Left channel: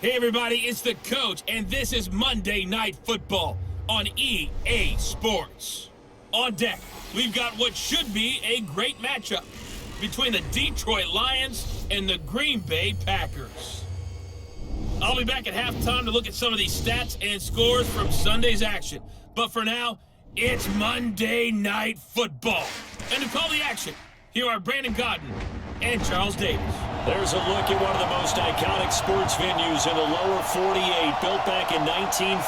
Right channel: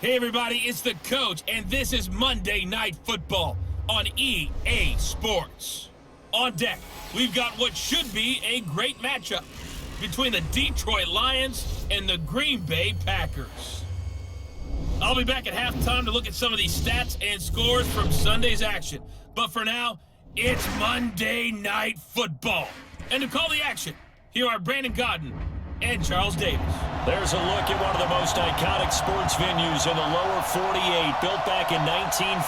Hey everybody, it's the coach, and this is Monday Night Football on EA Sports. On deck, we've got what should be a great matchup between the Detroit Lions and the Green Bay Packers. I'll be back at halftime to look at some of these stats and scores from Sunday's action. But for now, it's Monday Night Football. And to call the action, here are Brandon Godden and Charles Davis. There's a look at one of the most iconic sports venues in the lower 48, built back in 1957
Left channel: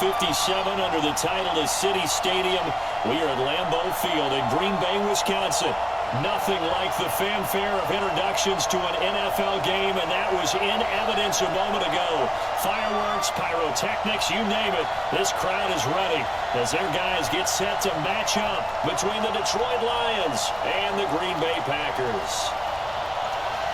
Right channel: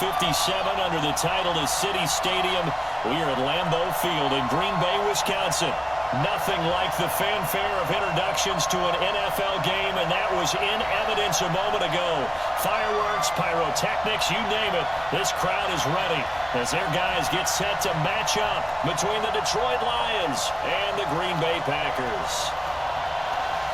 under the title of City Stadium. We are at Lambeau Field in Green Bay, Wisconsin. Nothing like the fanfare of introductions to an NFL game, and that was in evidence a moment ago. Fireworks, pyrotechnics, you name it. This crowd is ready as their guys get set to match up between the Detroit Lions and the Green Bay Packers.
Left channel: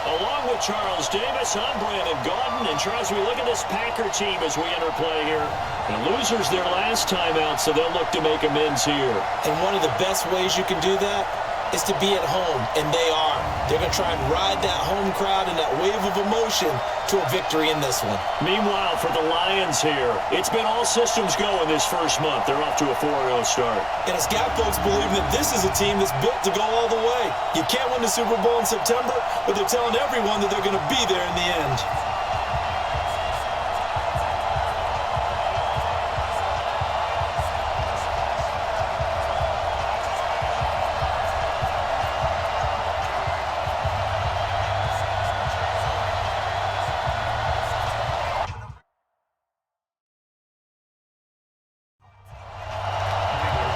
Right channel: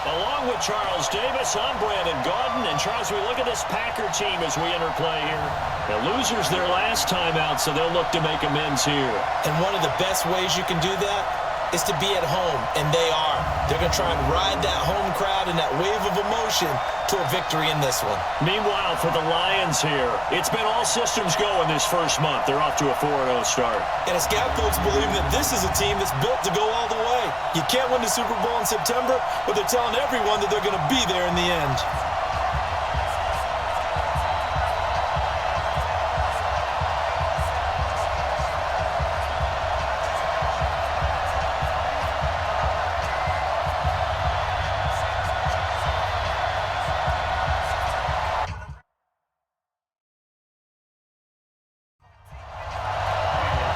Along with Charles Davis, I'm Brandon Godden. And Charles, we look at this Packer team as we enter play here. The losers their last time out, so they'll look to make amends here. And one of the best ways you can do that is to be at home, and they are. They're going to try and ride that home crowd and that wave of emotion to a victory in this one. Meanwhile, for the Lions here, it's been all systems go in this first month. They're off to a 4-0 start. And it's got folks believing that this is a team that's built to go all the way. You can't win the Super Bowl in September, but they're telling everyone that they're going to be there in the end.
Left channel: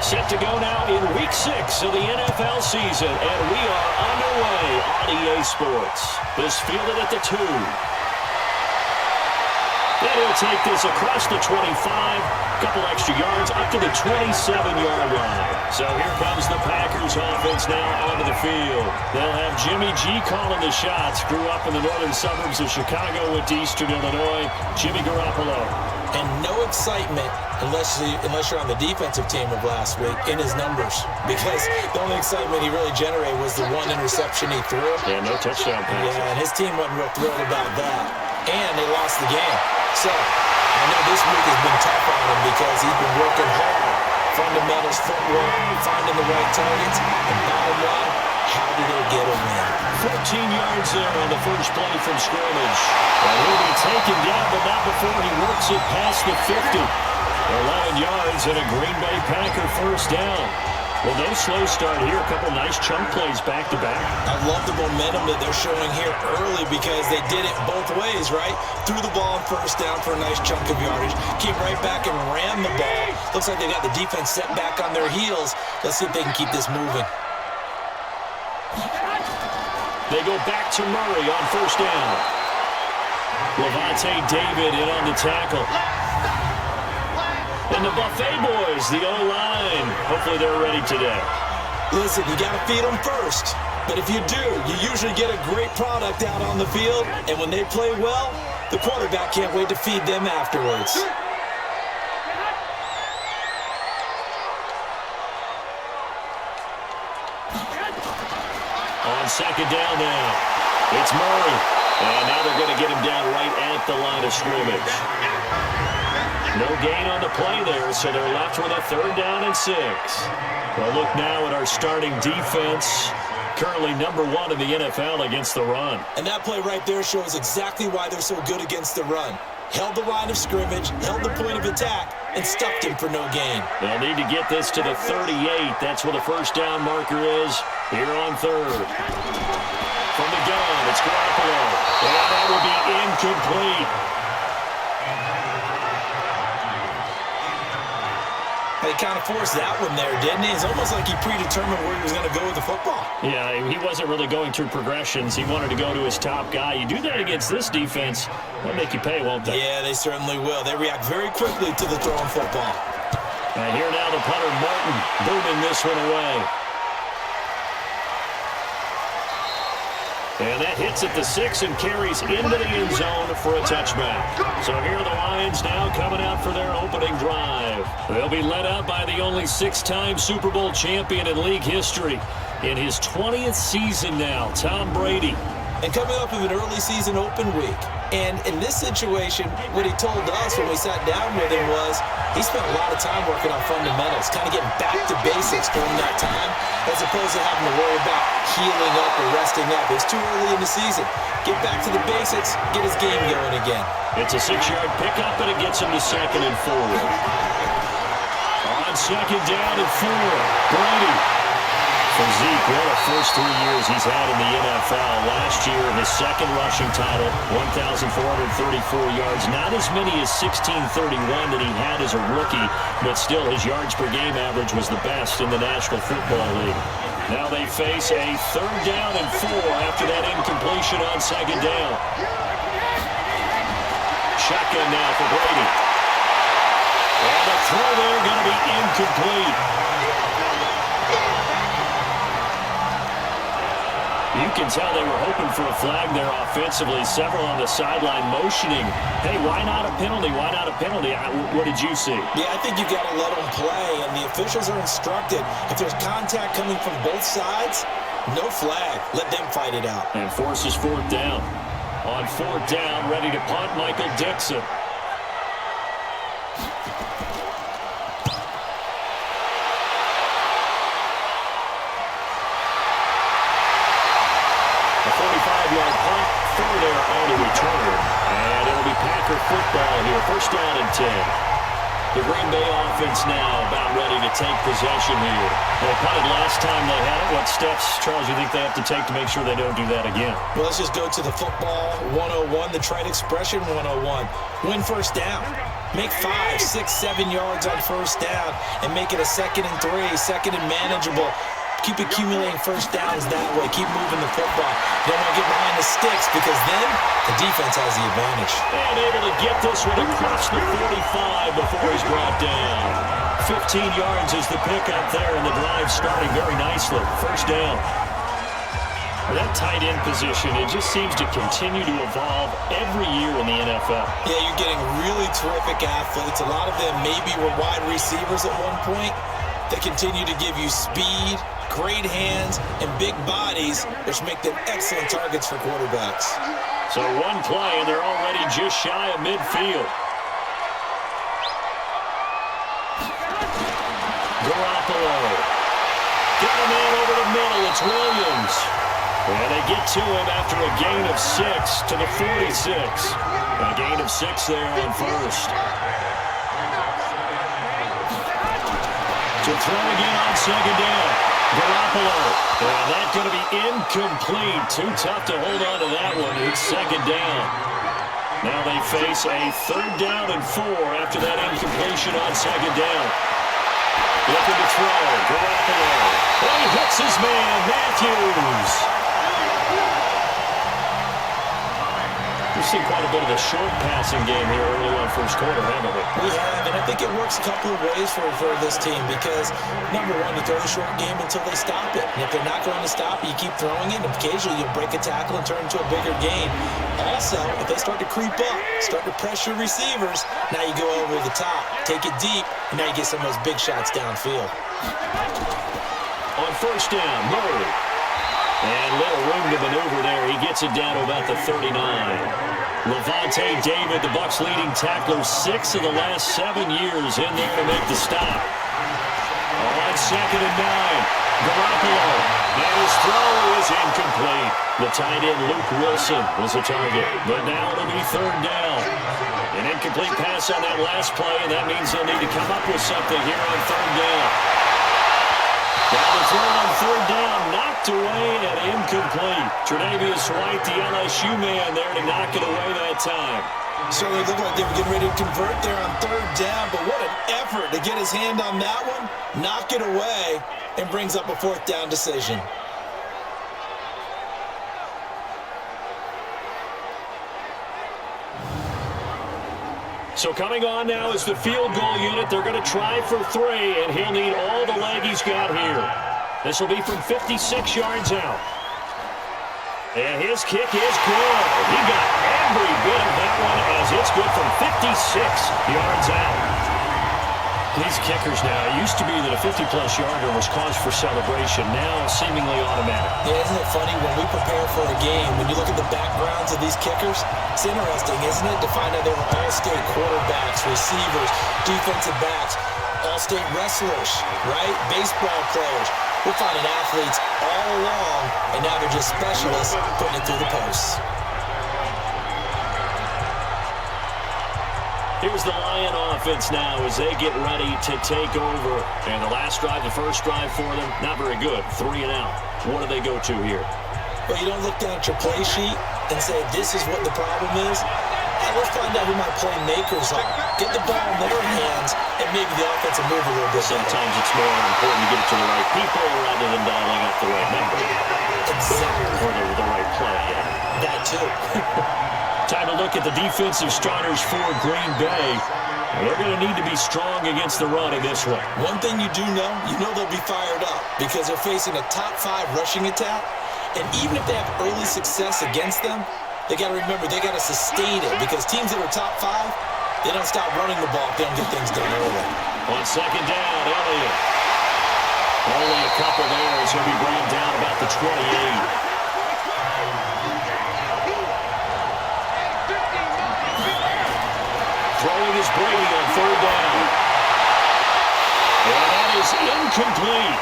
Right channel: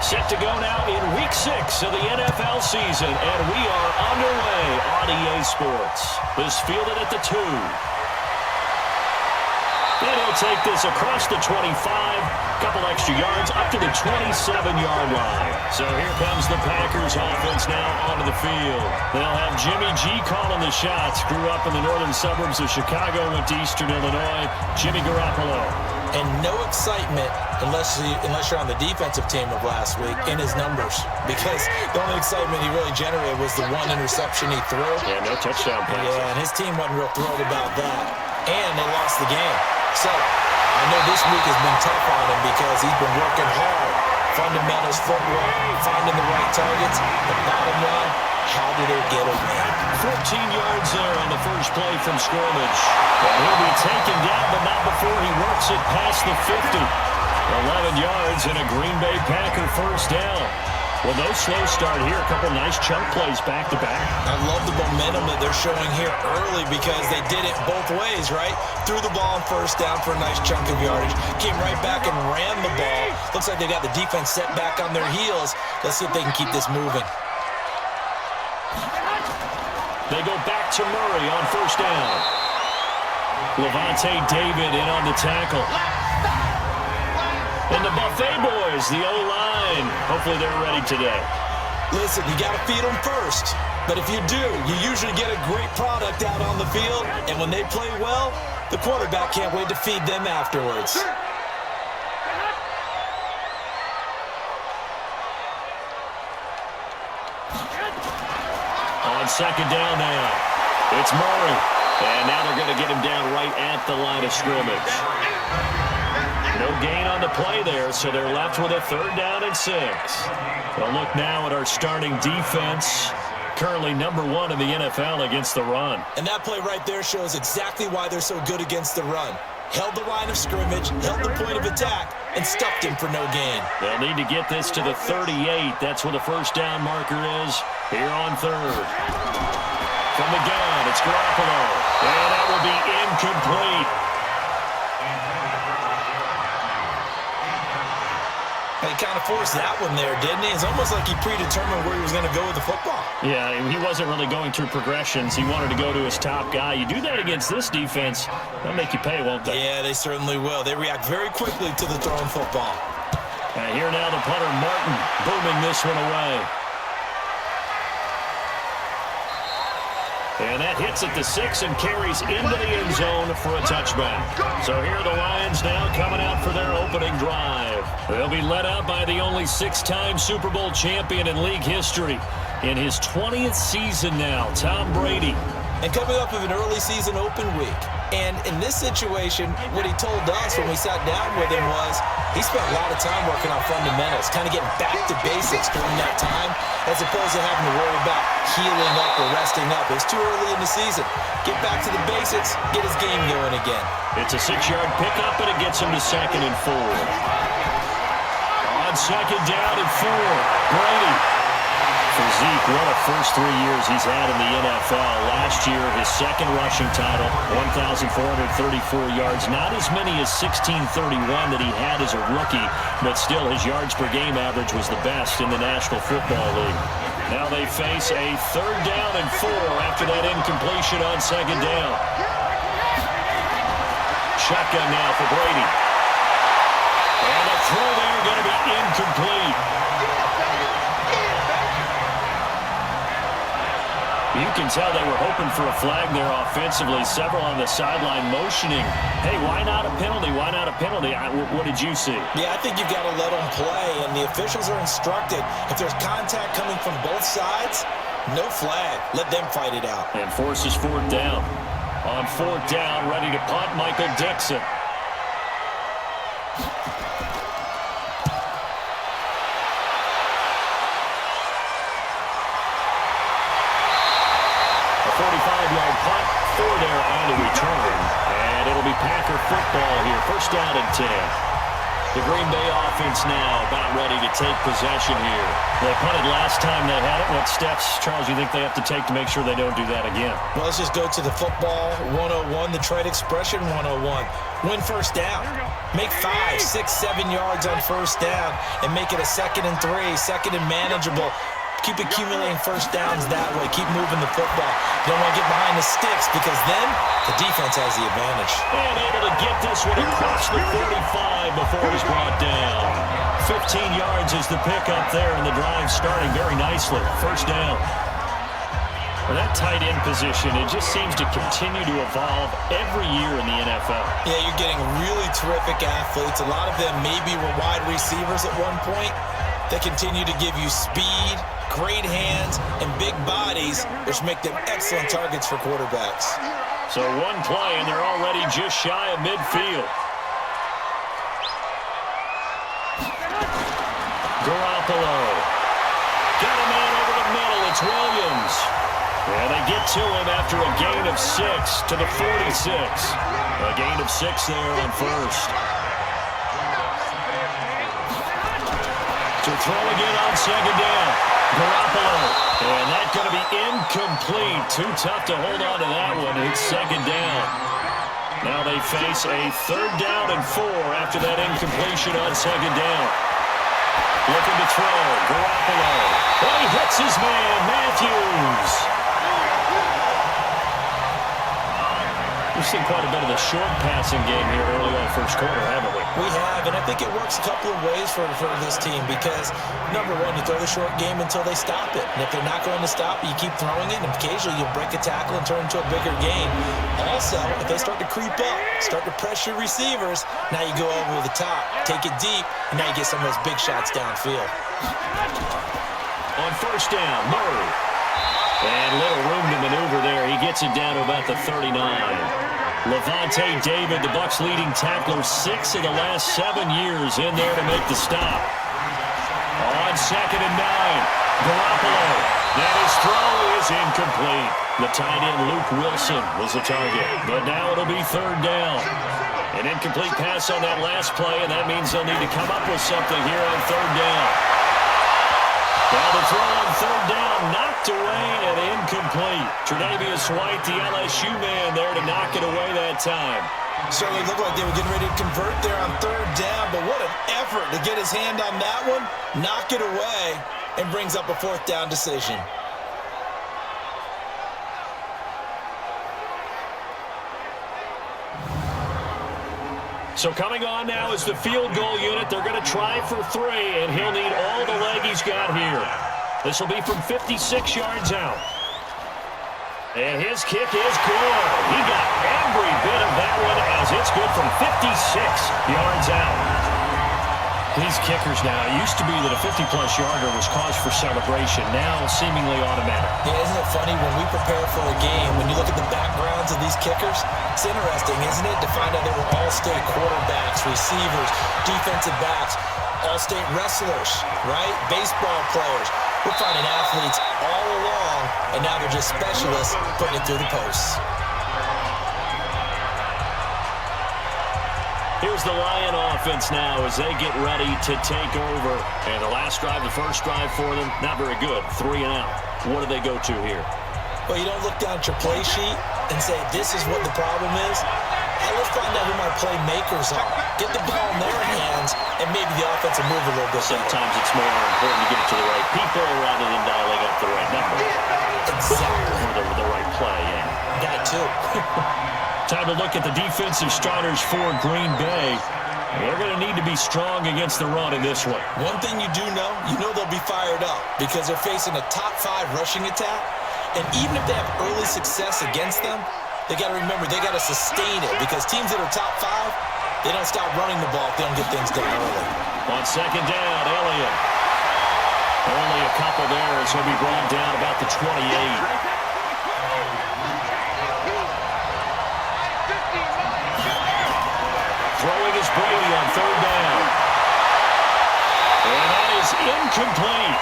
Set to go now in Week 6 of the NFL season, and we are underway on EA Sports. This fielded at the 2. And he'll take this across the 25, couple extra yards, up to the 27-yard line. So here comes the Packers offense now onto the field. They'll have Jimmy G calling the shots. Grew up in the northern suburbs of Chicago, went to Eastern Illinois. Jimmy Garoppolo. And no excitement unless you're on the defensive team of last week in his numbers, because the only excitement he really generated was the one interception he threw. Yeah, no touchdown passes. Yeah, and his team wasn't real thrilled about that. And they lost the game. So I know this week has been tough on him because he's been working hard. Fundamentals, footwork, finding the right targets. And bottom line, how do they get a win? 14 yards there on the first play from scrimmage. And he'll be taken down, but not before he works it past the 50. 11 yards and a Green Bay Packer first down. Well, no slow start here. A couple nice chunk plays back-to-back. I love the momentum that they're showing here early because they did it both ways, right? Threw the ball on first down for a nice chunk of yardage. Came right back and ran the ball. Looks like they got the defense set back on their heels. Let's see if they can keep this moving. They go back to Murray on first down. Levante David in on the tackle. And the Buffet boys, the O-line, hopefully they're ready today. Listen, you got to feed them first. But if you do, you usually get a great product out on the field. And when they play well, the quarterback can't wait to feed them afterwards. On second down now, it's Murray. And now they're going to get him down right at the line of scrimmage. No gain on the play there, so they're left with a 3rd down and 6. Well, look now at our starting defense. Currently number 1 in the NFL against the run. And that play right there shows exactly why they're so good against the run. Held the line of scrimmage, held the point of attack, and stuffed him for no gain. They'll need to get this to the 38. That's where the first down marker is here on 3rd. From the gun, it's Garoppolo. And that will be incomplete. He kind of forced that one there, didn't he? It's almost like he predetermined where he was going to go with the football. Yeah, he wasn't really going through progressions. He wanted to go to his top guy. You do that against this defense, they'll make you pay, won't they? Yeah, they certainly will. They react very quickly to the throwing football. And here now the punter, Martin, booming this one away. And that hits at the 6 and carries into the end zone for a touchback. So here are the Lions now coming out for their opening drive. They'll be led out by the only 6-time Super Bowl champion in league history. In his 20th season now, Tom Brady. and coming up of an early season open week. And in this situation, what he told us when we sat down with him was he spent a lot of time working on fundamentals, kind of getting back to basics during that time, as opposed to having to worry about healing up or resting up. It's too early in the season. Get back to the basics, get his game going again. It's a 6-yard pickup, and it gets him to 2nd and 4. On 2nd down and 4, Brady. For Zeke, what a first 3 years he's had in the NFL. Last year, his 2nd rushing title, 1,434 yards. Not as many as 1,631 that he had as a rookie, but still his yards per game average was the best in the National Football League. Now they face a 3rd down and 4 after that incompletion on 2nd down. Shotgun now for Brady. And the throw there going to be incomplete. You can tell they were hoping for a flag there offensively. Several on the sideline motioning, hey, why not a penalty? Why not a penalty? What did you see? Yeah, I think you've got to let them play, and the officials are instructed. If there's contact coming from both sides, no flag. Let them fight it out. And forces 4th down. On 4th down, ready to punt, Michael Dixon. A 45-yard punt, 4 there on the return. And it'll be Packer football here. 1st down and 10. The Green Bay offense now about ready to take possession here. They punted last time they had it. What steps, Charles, you think they have to take to make sure they don't do that again? Well, let's just go to the football 101, the trade expression 101. Win 1st down. Make 5, 6, 7 yards on 1st down and make it a 2nd and 3, 2nd and manageable. Keep accumulating 1st downs that way. Keep moving the football. You don't want to get behind the sticks because then the defense has the advantage. And able to get this one across the 45 before he's brought down. 15 yards is the pickup there, and the drive starting very nicely. 1st down. Well, that tight end position, it just seems to continue to evolve every year in the NFL. Yeah, you're getting really terrific athletes. A lot of them maybe were wide receivers at one point. They continue to give you speed, great hands, and big bodies, which make them excellent targets for quarterbacks. So one play, and they're already just shy of midfield. Garoppolo. Got a man over the middle. It's Williams. And they get to him after a gain of 6 to the 46. A gain of 6 there on 1st. To throw again on 2nd down. Garoppolo. And that's going to be incomplete. Too tough to hold on to that one. It's 2nd down. Now they face a 3rd down and 4 after that incompletion on 2nd down. Looking to throw. Garoppolo. Oh, he hits his man, Matthews. We've seen quite a bit of the short passing game here early on 1st quarter, haven't we? We have, and I think it works a couple of ways for this team because, number one, you throw the short game until they stop it. And if they're not going to stop it, you keep throwing it, and occasionally you'll break a tackle and turn into a bigger gain. Also, if they start to creep up, start to pressure receivers, now you go over the top, take it deep, and now you get some of those big shots downfield. On 1st down, Murray. And little room to maneuver there. He gets it down to about the 39. Levante David, the Bucs' leading tackler, 6 of the last 7 years in there to make the stop. On 2nd and 9, Garoppolo. And his throw is incomplete. The tight end, Luke Wilson, was the target. But now it'll be 3rd down. An incomplete pass on that last play, and that means they'll need to come up with something here on 3rd down. Now the throw on 3rd down, knocked away and incomplete. Tre'Davious White, the LSU man there to knock it away that time. Certainly looked like they were getting ready to convert there on 3rd down, but what an effort to get his hand on that one, knock it away, and brings up a 4th down decision. So coming on now is the field goal unit. They're going to try for 3, and he'll need all the leg he's got here. This will be from 56 yards out. And his kick is good. He got every bit of that one as it's good from 56 yards out. These kickers now, it used to be that a 50-plus yarder was cause for celebration. Now, seemingly automatic. Yeah, isn't it funny when we prepare for a game, when you look at the backgrounds of these kickers, it's interesting, isn't it, to find out they were all-state quarterbacks, receivers, defensive backs, all-state wrestlers, right? Baseball players. We're finding athletes all along, and now they're just specialists putting it through the posts. Here's the Lion offense now as they get ready to take over. And the last drive, the first drive for them, not very good. 3 and out. What do they go to here? Well, you don't look down at your play sheet and say, this is what the problem is. Let's find out who my playmakers are. Get the ball in their hands, and maybe the offense will move a little bit. Sometimes it's more important to get it to the right people rather than dialing up the right number. Exactly. Or the right play, yeah. That too. Time to look at the defensive starters for Green Bay. They're going to need to be strong against the run in this one. One thing you do know, they'll be fired up because they're facing a top 5 rushing attack. And even if they have early success against them, they got to remember they got to sustain it because teams that are top 5, they don't stop running the ball if they don't get things done early. On second down, Elliott. Only a couple there as he'll be brought down about the 28. Throwing is Brady on third down. And that is incomplete.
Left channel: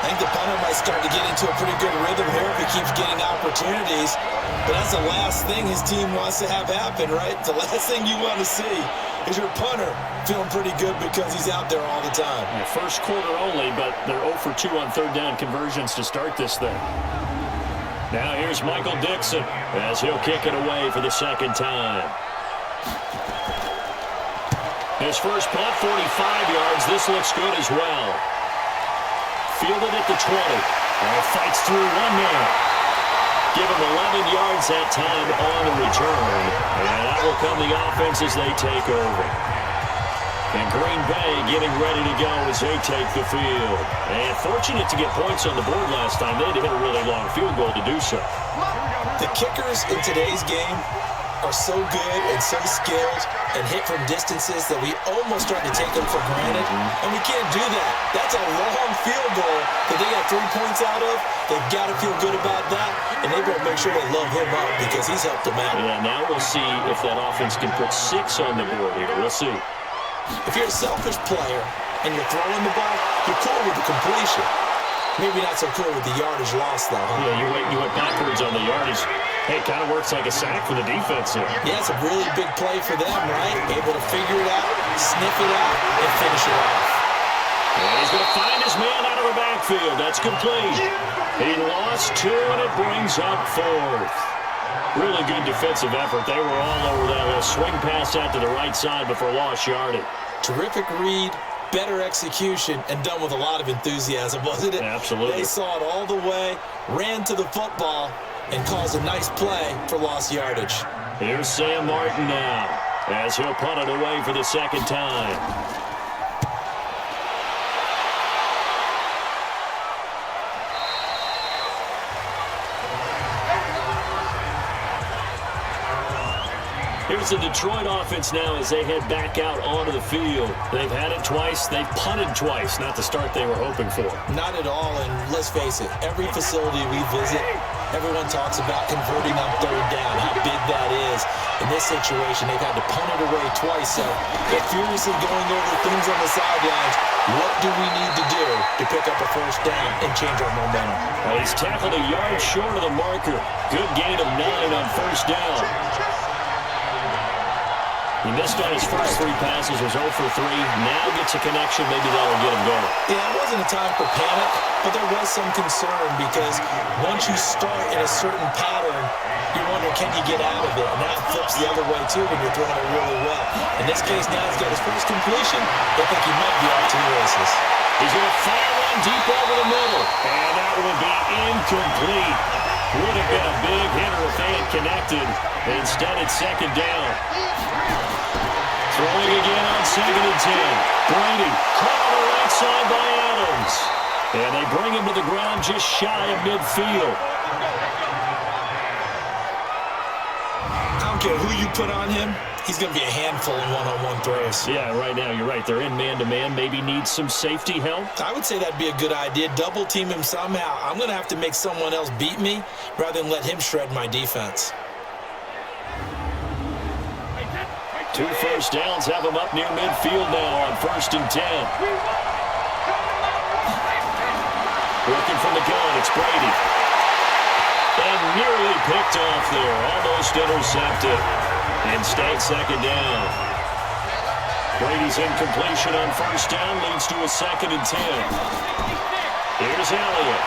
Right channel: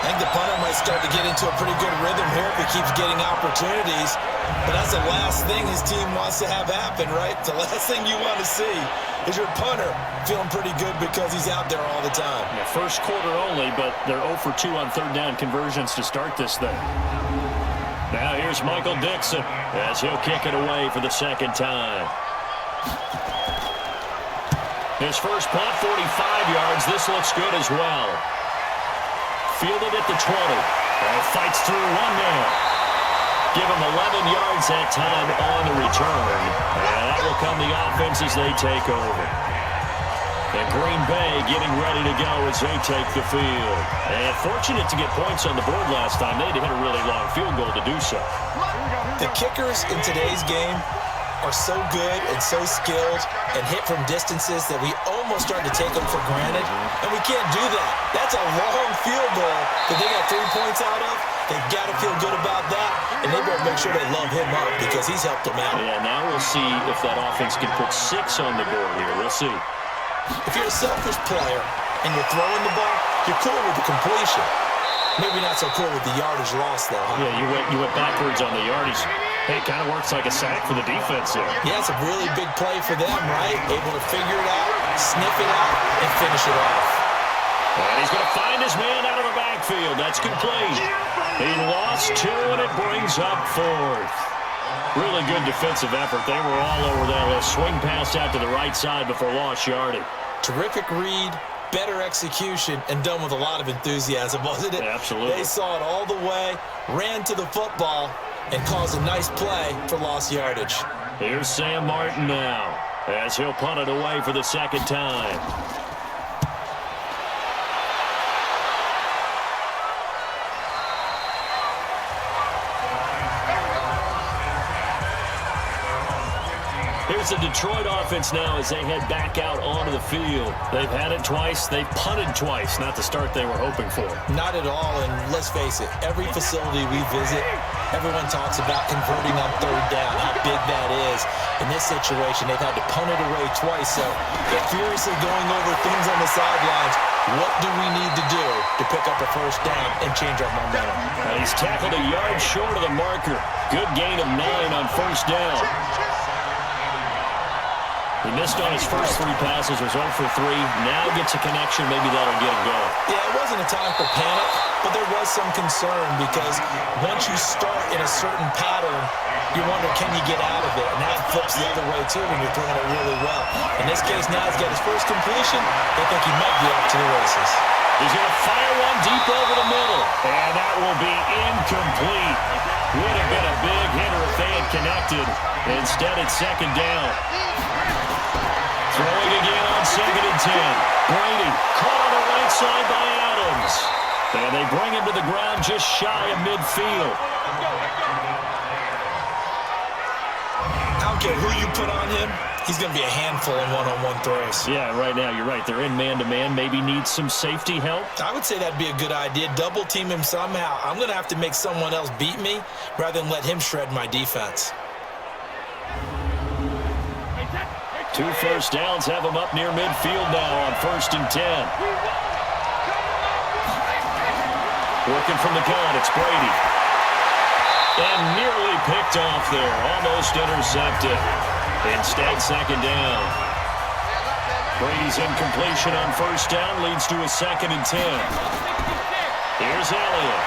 I think the punter might start to get into a pretty good rhythm here if he keeps getting opportunities. But that's the last thing his team wants to have happen, right? The last thing you want to see is your punter feeling pretty good because he's out there all the time. Yeah, first quarter only, but they're 0 for 2 on third down conversions to start this thing. Now here's Michael Dixon as he'll kick it away for the second time. His first punt, 45 yards. This looks good as well. Fielded at the 20. And fights through one man. Give him 11 yards that time on the return. And that will come the offense as they take over. And Green Bay getting ready to go as they take the field. And fortunate to get points on the board last time. They had to hit a really long field goal to do so. The kickers in today's game are so good and so skilled and hit from distances that we almost start to take them for granted. And we can't do that. That's a long field goal that they got 3 points out of. They've got to feel good about that. And they better make sure they love him up because he's helped them out. Yeah, now we'll see if that offense can put 6 on the board here. We'll see. If you're a selfish player and you're throwing the ball, you're cool with the completion. Maybe not so cool with the yardage loss, though, huh? Yeah, you went backwards on the yardage. Hey, it kind of works like a sack for the defense here. Yeah, it's a really big play for them, right? Able to figure it out, sniff it out, and finish it off. And he's going to find his man out of the backfield. That's complete. He lost 2, and it brings up 4th. Really good defensive effort. They were all over that little swing pass out to the right side before lost yardage. Terrific read, better execution, and done with a lot of enthusiasm, wasn't it? Absolutely. They saw it all the way, ran to the football, and caused a nice play for lost yardage. Here's Sam Martin now as he'll punt it away for the second time. Here's the Detroit offense now as they head back out onto the field. They've had it twice. They've punted twice. Not the start they were hoping for. Not at all, and let's face it, every facility we visit, everyone talks about converting on third down, how big that is. In this situation, they've had to punt it away twice, so they're furiously going over things on the sidelines. What do we need to do to pick up a first down and change our momentum? He's tackled a yard short of the marker. Good gain of 9 on first down. He missed on his first 3 passes, was 0 for 3. Now gets a connection. Maybe that'll get him going. Yeah, it wasn't a time for panic, but there was some concern because once you start in a certain pattern, you wonder, can you get out of it? And that flips the other way, too, when you're throwing it really well. In this case, now he's got his first completion. They think he might be off to the races. He's going to fire one deep over the middle. And that will be incomplete. Would have been a big hitter if they had connected. Instead, it's second down. Throwing again on 2nd and 10. Brady caught on the right side by Adams. And they bring him to the ground just shy of midfield. How don't care who you put on him, he's going to be a handful in one-on-one throws. Yeah, right now, you're right. They're in man-to-man. Maybe needs some safety help. I would say that'd be a good idea. Double team him somehow. I'm going to have to make someone else beat me rather than let him shred my defense. 2 first downs have him up near midfield now on 1st and 10. Working from the gun, it's Brady. And nearly picked off there. Almost intercepted. Instead, 2nd down. Brady's incompletion on 1st down leads to a 2nd and 10. Here's Elliott.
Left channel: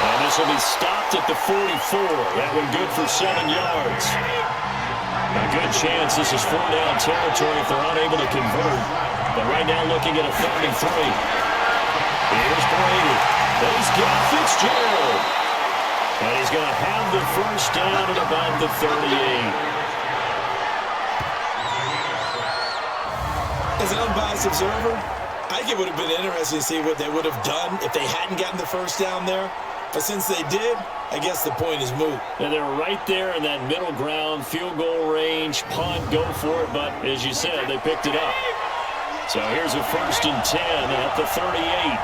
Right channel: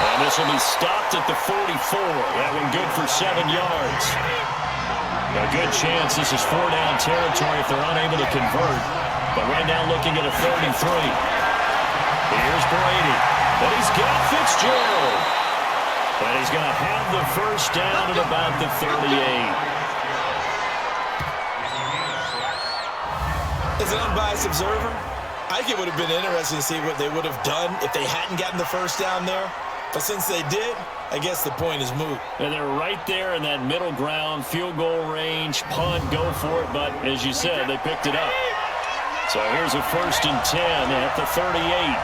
And this will be stopped at the 44. That one good for 7 yards. A good chance this is 4-down territory if they're unable to convert. But right now looking at a 3rd and 3. Here's Brady. And he's got Fitzgerald. And he's going to have the 1st down at about the 38. As an unbiased observer, I think it would have been interesting to see what they would have done if they hadn't gotten the 1st down there. But since they did, I guess the point is moot. And they're right there in that middle ground, field goal range, punt, go for it. But as you said, they picked it up. So here's a 1st and 10 at the 38.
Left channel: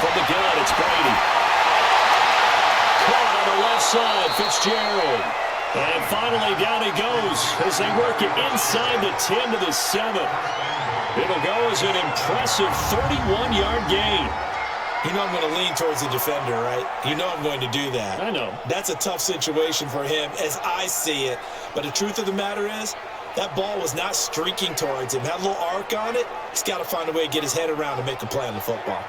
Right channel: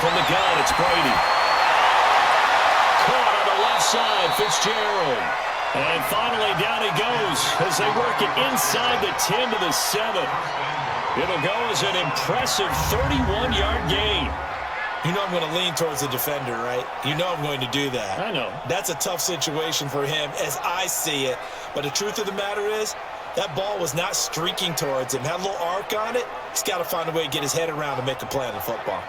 From the gun, it's Brady. Caught on the left side, Fitzgerald. And finally, down he goes as they work it inside the 10 to the 7. It'll go as an impressive 31-yard gain. You know I'm going to lean towards the defender, right? You know I'm going to do that. I know. That's a tough situation for him as I see it. But the truth of the matter is, that ball was not streaking towards him. Had a little arc on it. He's got to find a way to get his head around and make a play on the football.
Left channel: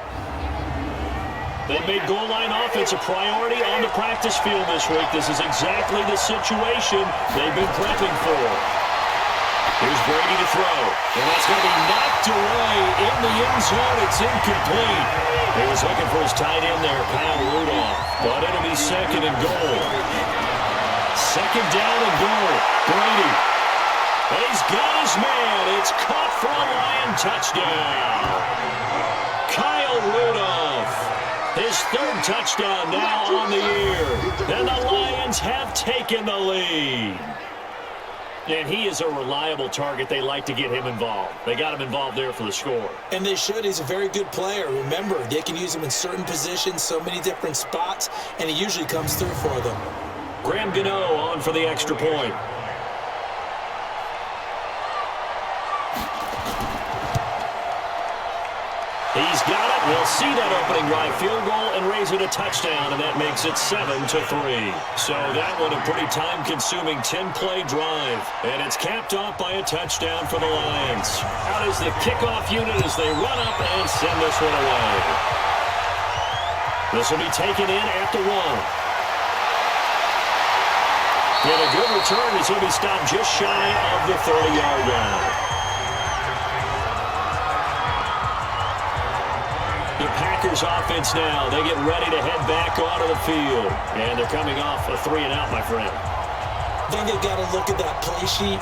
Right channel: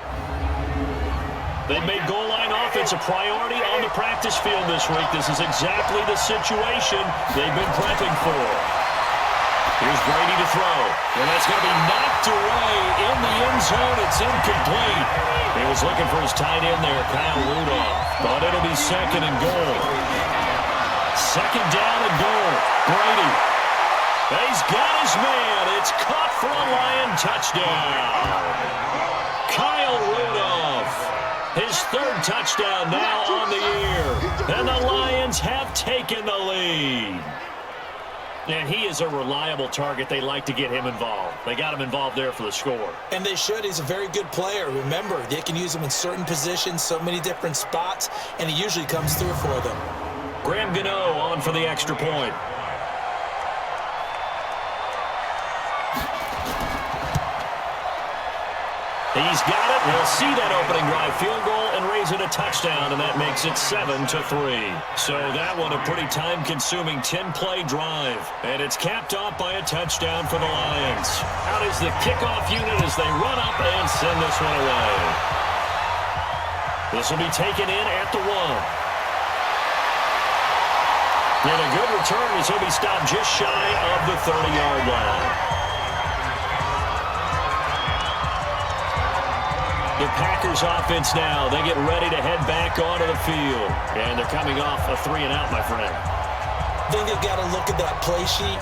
They made goal line offense a priority on the practice field this week. This is exactly the situation they've been prepping for. Here's Brady to throw. And that's going to be knocked away in the end zone. It's incomplete. He was looking for his tight end there, Kyle Rudolph. But it'll be 2nd and goal. 2nd down and goal. Brady. And he's got his man. It's caught for a Lion touchdown. Kyle Rudolph. His 3rd touchdown now on the year. And the Lions have taken the lead. And he is a reliable target. They like to get him involved. They got him involved there for the score. And they should. He's a very good player. Remember, they can use him in certain positions, so many different spots, and he usually comes through for them. Graham Gano on for the extra point. He's got it. We'll see that opening drive field goal and raise it a touchdown, and that makes it 7-3. So that one a pretty time-consuming 10-play drive, and it's capped off by a touchdown for the Lions. Out is the kickoff unit as they run up and send this one away. This will be taken in at the 1. And a good return as he'll be stopped just shy of the 30-yard line. The Packers offense now. They get ready to head back onto the field. And they're coming off a 3-and-out, my friend. I think they've got to look at that play sheet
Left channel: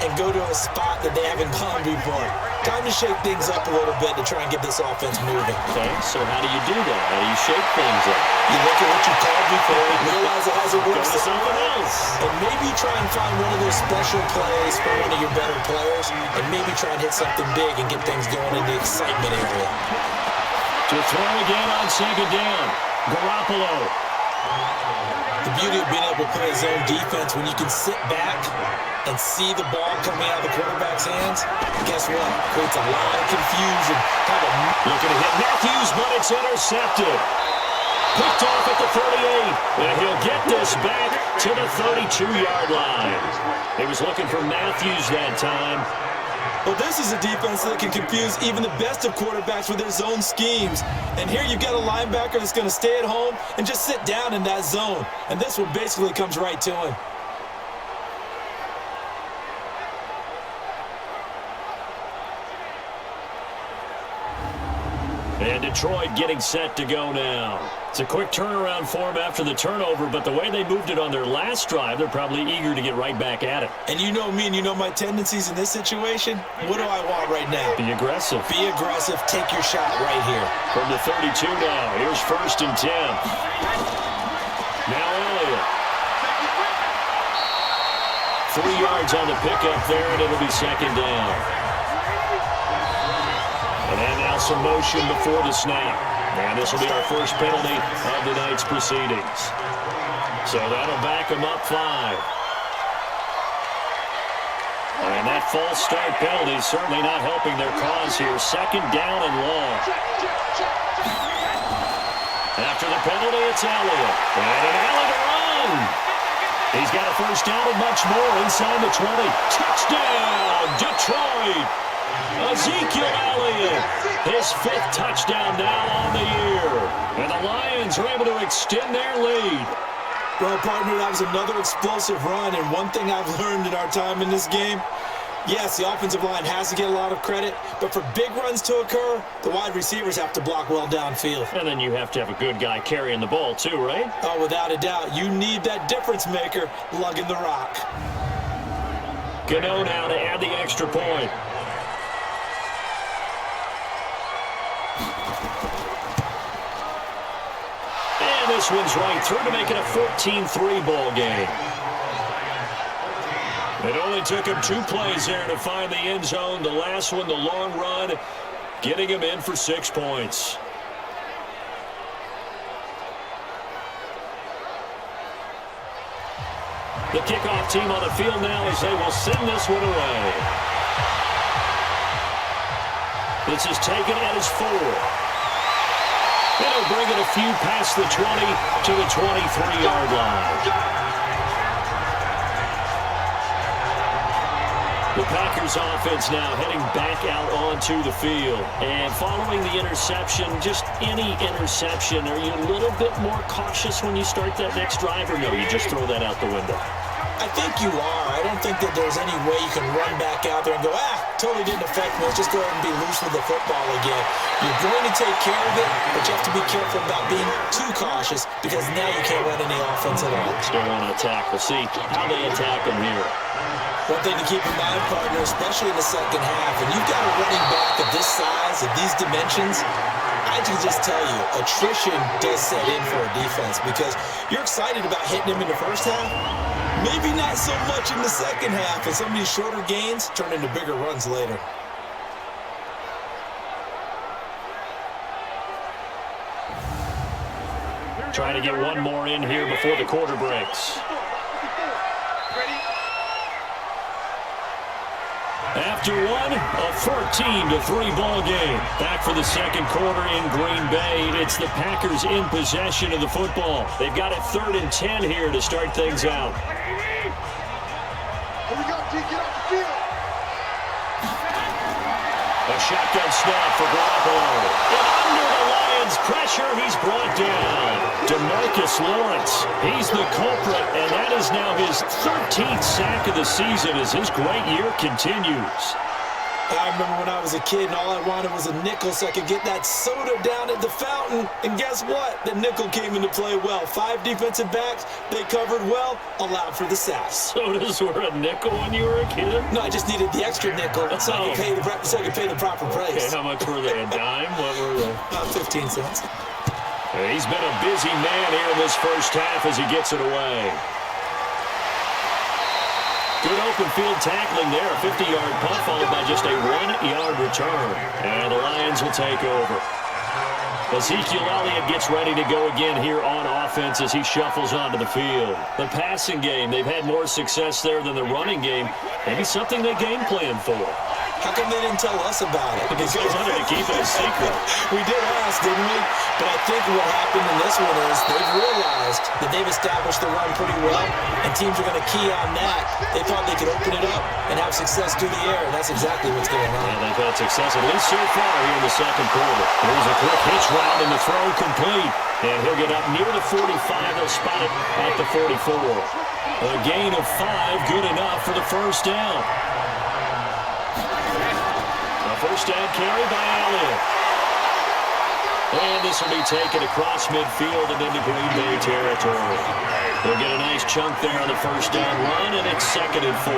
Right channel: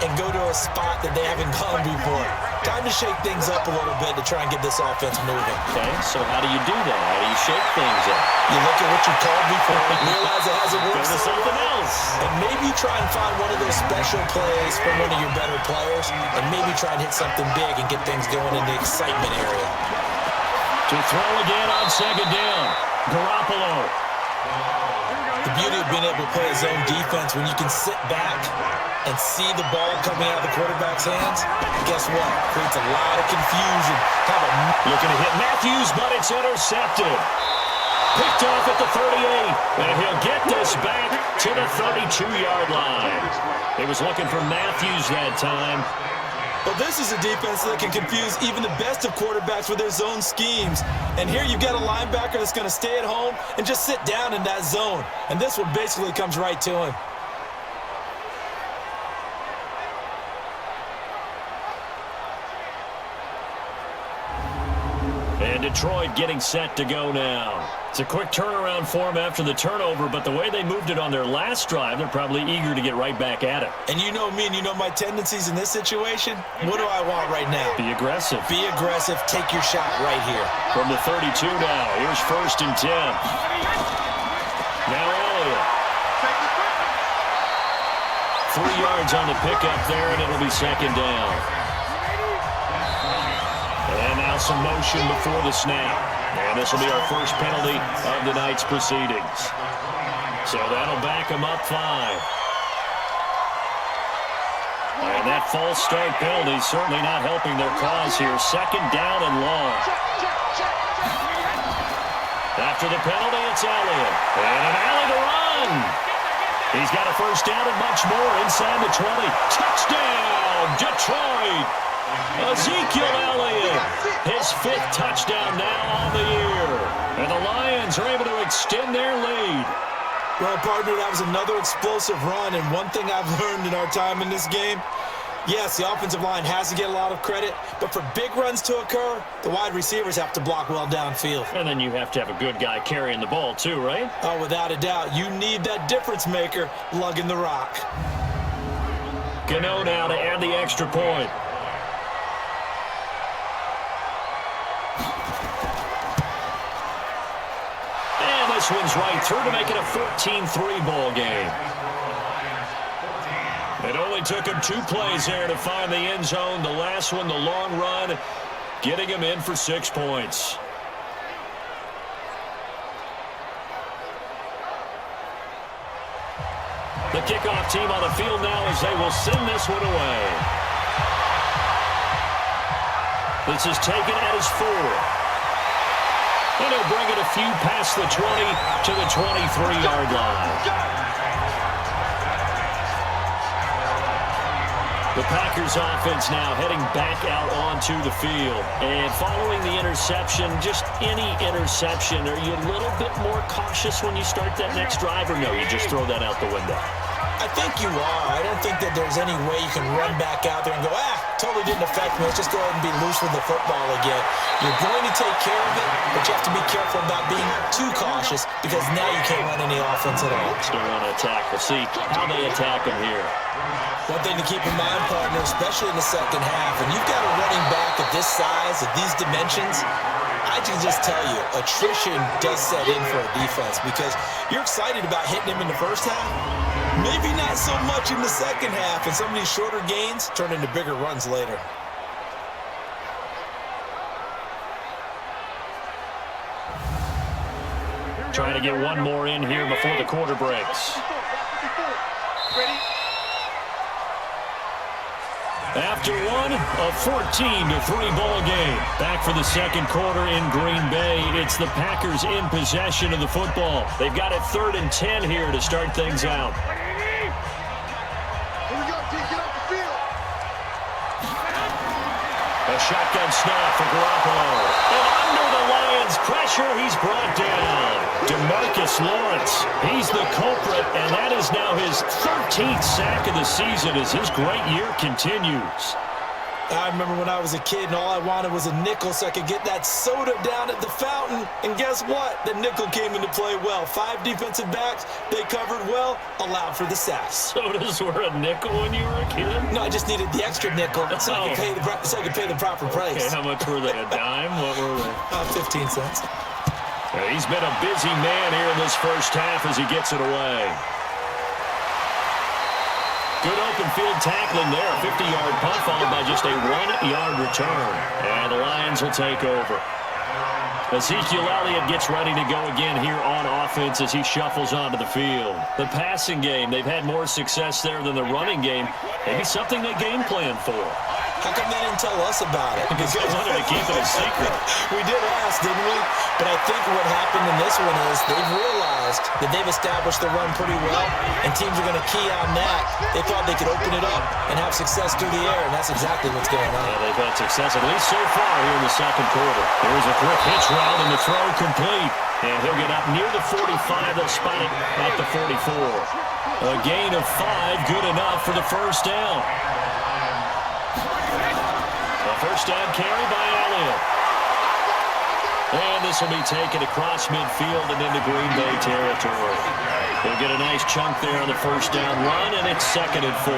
and go to a spot that they haven't gone before. Time to shake things up a little bit to try and get this offense moving. Okay, so how do you do that? How do you shake things up? You look at what you called before and realize it hasn't worked. Go to something else. And maybe try and find one of those special plays from one of your better players, and maybe try and hit something big and get things going in the excitement area. To throw again on 2nd down. Garoppolo. The beauty of being able to play zone defense when you can sit back and see the ball coming out of the quarterback's hands, guess what? Creates a lot of confusion. Looking to hit Matthews, but it's intercepted. Picked off at the 38, and he'll get this back to the 32-yard line. He was looking for Matthews that time. Well, this is a defense that can confuse even the best of quarterbacks with their zone schemes. And here you've got a linebacker that's going to stay at home and just sit down in that zone. And this one basically comes right to him. And Detroit getting set to go now. It's a quick turnaround for them after the turnover, but the way they moved it on their last drive, they're probably eager to get right back at it. And you know me and you know my tendencies in this situation. What do I want right now? Be aggressive. Be aggressive. Take your shot right here. From the 32 now, here's 1st and 10. Now Elliott. 3 yards on the pickup there, and it'll be second down. And now some motion before the snap. And this will be our first penalty of the night's proceedings. So that'll back them up 5. And that false start penalty is certainly not helping their cause here. Second down and long. After the penalty, it's Elliott. And an alley to run. He's got a first down and much more inside the 20. Touchdown, Detroit. Ezekiel Elliott, his 5th touchdown now on the year. And the Lions are able to extend their lead. Well, partner, that was another explosive run, and one thing I've learned in our time in this game, yes, the offensive line has to get a lot of credit, but for big runs to occur, the wide receivers have to block well downfield. And then you have to have a good guy carrying the ball too, right? Oh, without a doubt. You need that difference maker lugging the rock. Gano now to add the extra point. And this one's right through to make it a 14-3 ball game. It only took him 2 plays there to find the end zone. The last one, the long run, getting him in for 6 points. The kickoff team on the field now as they will send this one away. This is taken at his 4. And he'll bring it a few past the 20 to the 23-yard line. The Packers offense now heading back out onto the field. And following the interception, just any interception, are you a little bit more cautious when you start that next drive, or no, you just throw that out the window? I think you are. I don't think that there's any way you can run back out there and go, totally didn't affect me. Let's just go ahead and be loose with the football again. You're going to take care of it, but you have to be careful about being too cautious because now you can't run any offense at all. Still want to attack. We'll see how they attack them here. One thing to keep in mind, partner, especially in the second half, and you've got a running back of this size, of these dimensions, I can just tell you, attrition does set in for a defense because you're excited about hitting him in the first half. Maybe not so much in the second half, and some of these shorter gains turn into bigger runs later. Trying to get one more in here before the quarter breaks. After one, a 14-3 ball game. Back for the second quarter in Green Bay. It's the Packers in possession of the football. They've got it 3rd and 10 here to start things out. Here we go, D. Get off the field. A shotgun snap for Garoppolo. And under the Lions' pressure, he's brought down. DeMarcus Lawrence, he's the culprit, and that is now his 13th sack of the season as his great year continues. I remember when I was a kid and all I wanted was a nickel so I could get that soda down at the fountain. And guess what? The nickel came into play well. 5 defensive backs, they covered well, allowed for the sacks. Sodas were a nickel when you were a kid? No, I just needed the extra nickel so I could pay the proper price. Okay, how much were they? A dime? What were they? 15 cents. He's been a busy man here in this first half as he gets it away. Good open field tackling there. A 50-yard punt followed by just a 1-yard return. And the Lions will take over. Ezekiel Elliott gets ready to go again here on offense as he shuffles onto the field. The passing game, they've had more success there than the running game. Maybe something they game plan for. How come they didn't tell us about it? Because they wanted to keep it a secret. We did ask, didn't we? But I think what happened in this one is they've realized that they've established the run pretty well, and teams are going to key on that. They thought they could open it up and have success through the air, and that's exactly what's going on. Yeah, they've had success, at least so far here in the second quarter. Here's a quick hitch route, and the throw complete. And he'll get up near the 45. They'll spot it at the 44. A gain of 5, good enough for the first down. A first down carry by Elliott. And this will be taken across midfield and into Green Bay territory. They'll get a nice chunk there on the first down run, and it's 2nd and 4.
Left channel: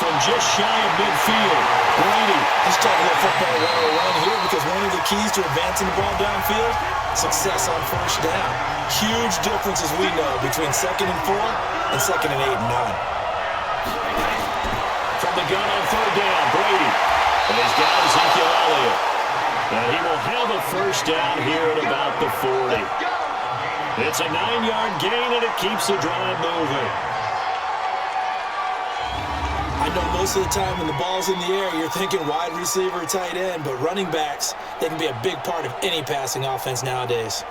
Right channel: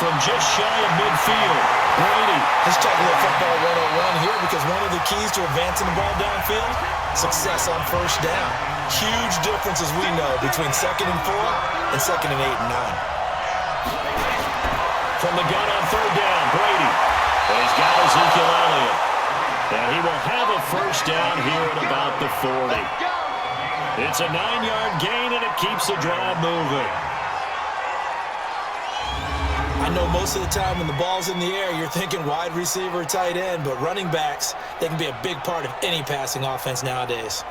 from just shy of midfield. Brady. Let's talk a little football 101 here, because one of the keys to advancing the ball downfield, success on first down. Huge difference, as we know, between 2nd and 4 and 2nd and 8 and 9. From the gun on 3rd down, Brady. And he's got Ezekiel Elliott. And he will have a first down here at about the 40. It's a 9-yard gain, and it keeps the drive moving. I know most of the time when the ball's in the air, you're thinking wide receiver, tight end, but running backs, they can be a big part of any passing offense nowadays.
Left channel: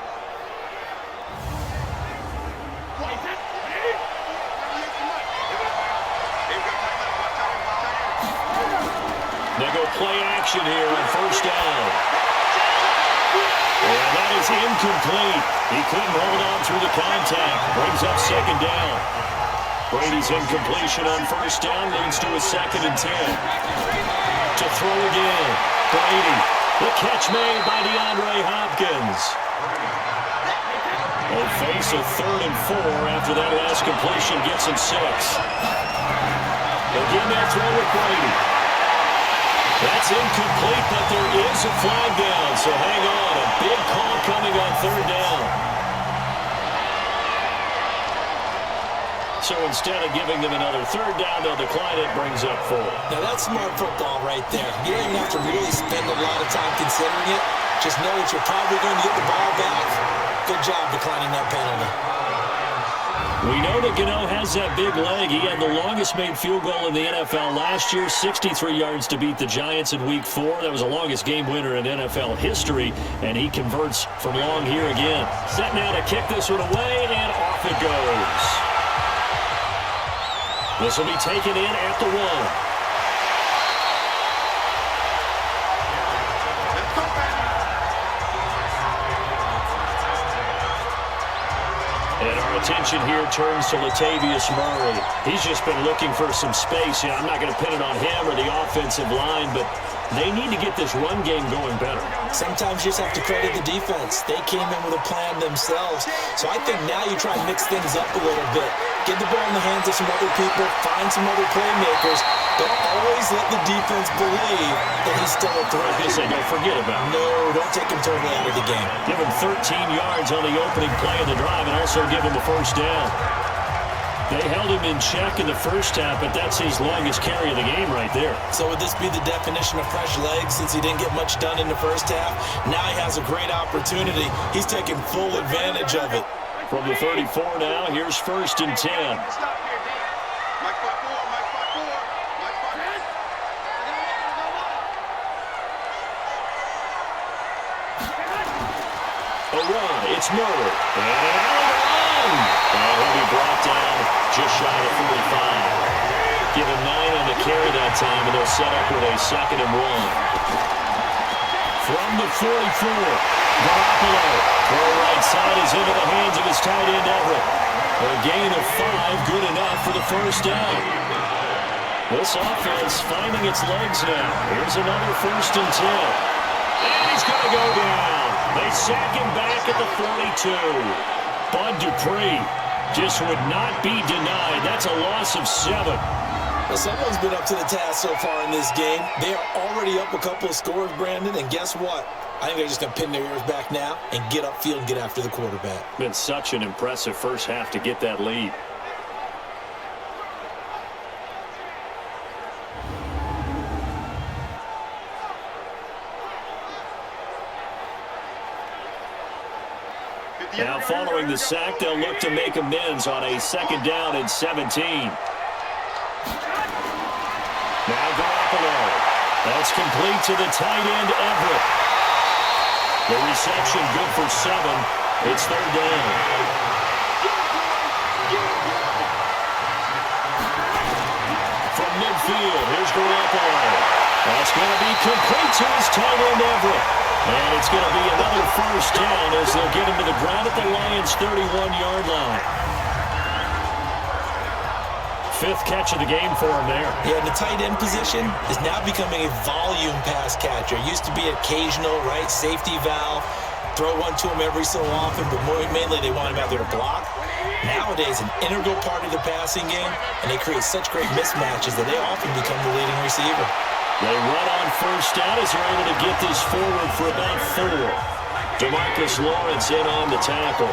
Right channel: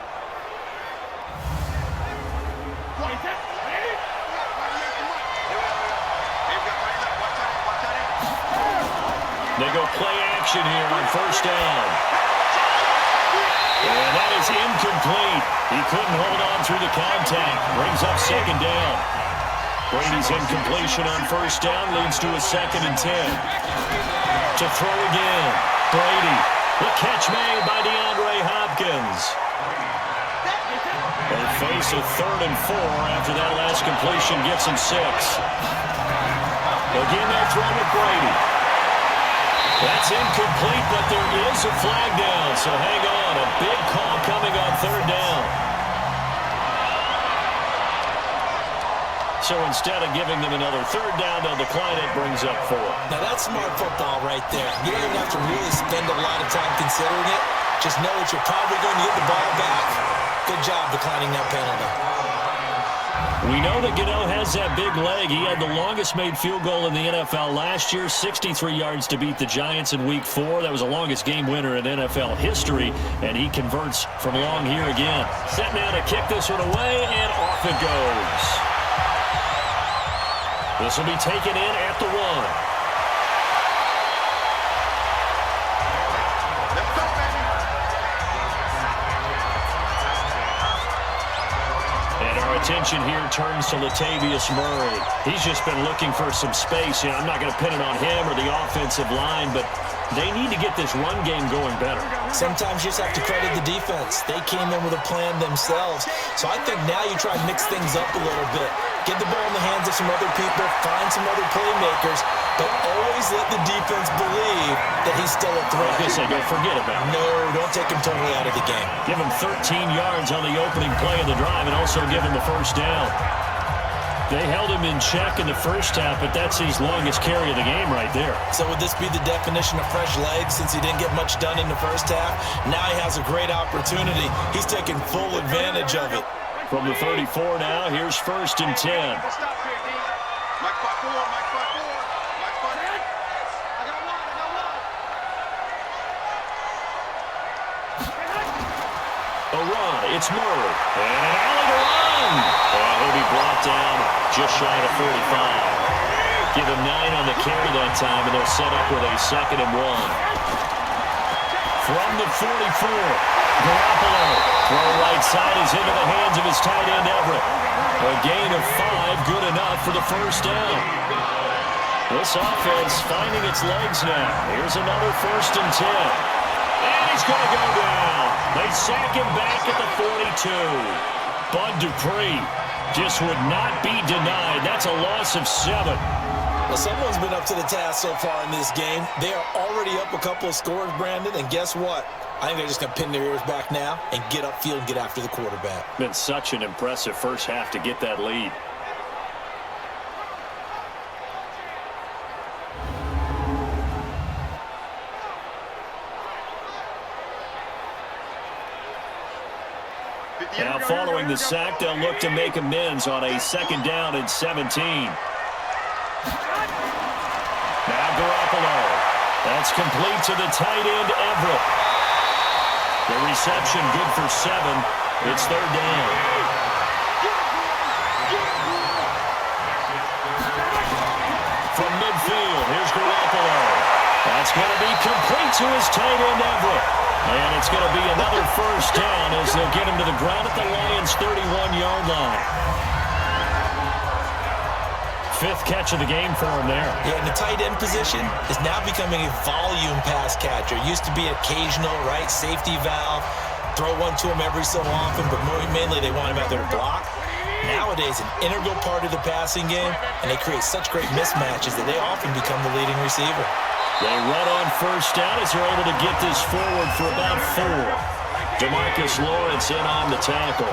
They go play action here on first down. And that is incomplete. He couldn't hold on through the contact. Brings up 2nd down. Brady's incompletion on first down leads to a 2nd and 10. To throw again. Brady. The catch made by DeAndre Hopkins. They face a 3rd and 4 after that last completion gets him 6. Again, that throw with Brady. That's incomplete, but there is a flag down, so hang on. A big call coming on 3rd down. So instead of giving them another 3rd down, they'll decline it, brings up 4. Now that's smart football right there. You don't even have to really spend a lot of time considering it. Just know that you're probably going to get the ball back. Good job declining that penalty. We know that Gano has that big leg. He had the longest made field goal in the NFL last year, 63 yards to beat the Giants in Week 4. That was the longest game winner in NFL history, and he converts from long here again. Set now to kick this one away, and off it goes. This will be taken in at the 1. Let's go, baby. And our attention here turns to Latavius Murray. He's just been looking for some space. You know, I'm not going to pin it on him or the offensive line, but they need to get this run game going better. Sometimes you just have to credit the defense. They came in with a plan themselves. So I think now you try and mix things up a little bit. Get the ball in the hands of some other people, find some other playmakers, but always let the defense believe that he's still a threat. I was going to say, don't forget about him. No, don't take him totally out of the game. Give him 13 yards on the opening play of the drive and also give him the first down. They held him in check in the first half, but that's his longest carry of the game right there. So would this be the definition of fresh legs since he didn't get much done in the first half? Now he has a great opportunity. He's taking full advantage of it. From the 34 now, here's 1st and 10. Stop here, D. Mike spot 4, Mike spot 4, Mike spot 10. I got one, A run, it's Murray. And an alley to run. And he'll be brought down just shy of 45. Give him 9 on the carry that time, and they'll set up with a 2nd and 1. From the 44, Garoppolo. Throw right side is into the hands of his tight end, Everett. A gain of 5, good enough for the first down. This offense finding its legs now. Here's another 1st and 10. And he's going to go down. They sack him back at the 42. Bud Dupree just would not be denied. That's a loss of 7. Well, someone's been up to the task so far in this game. They are already up a couple of scores, Brandon, and guess what? I think they're just going to pin their ears back now and get upfield and get after the quarterback. Been such an impressive first half to get that lead. Now following the sack, they'll look to make amends on a 2nd down and 17. Now Garoppolo. That's complete to the tight end, Everett. The reception good for 7. It's 3rd down. From midfield, here's Garoppolo. That's going to be complete to his tight end, Everett. And it's going to be another first down as they'll get him to the ground at the Lions' 31-yard line. 5th catch of the game for him there. Yeah, and the tight end position is now becoming a volume pass catcher. Used to be occasional, right? Safety valve. throw one to him every so often, but mainly they want him out there to block. Nowadays, an integral part of the passing game, and they create such great mismatches that they often become the leading receiver. They run on first down as they're able to get this forward for about 4. DeMarcus Lawrence in on the tackle.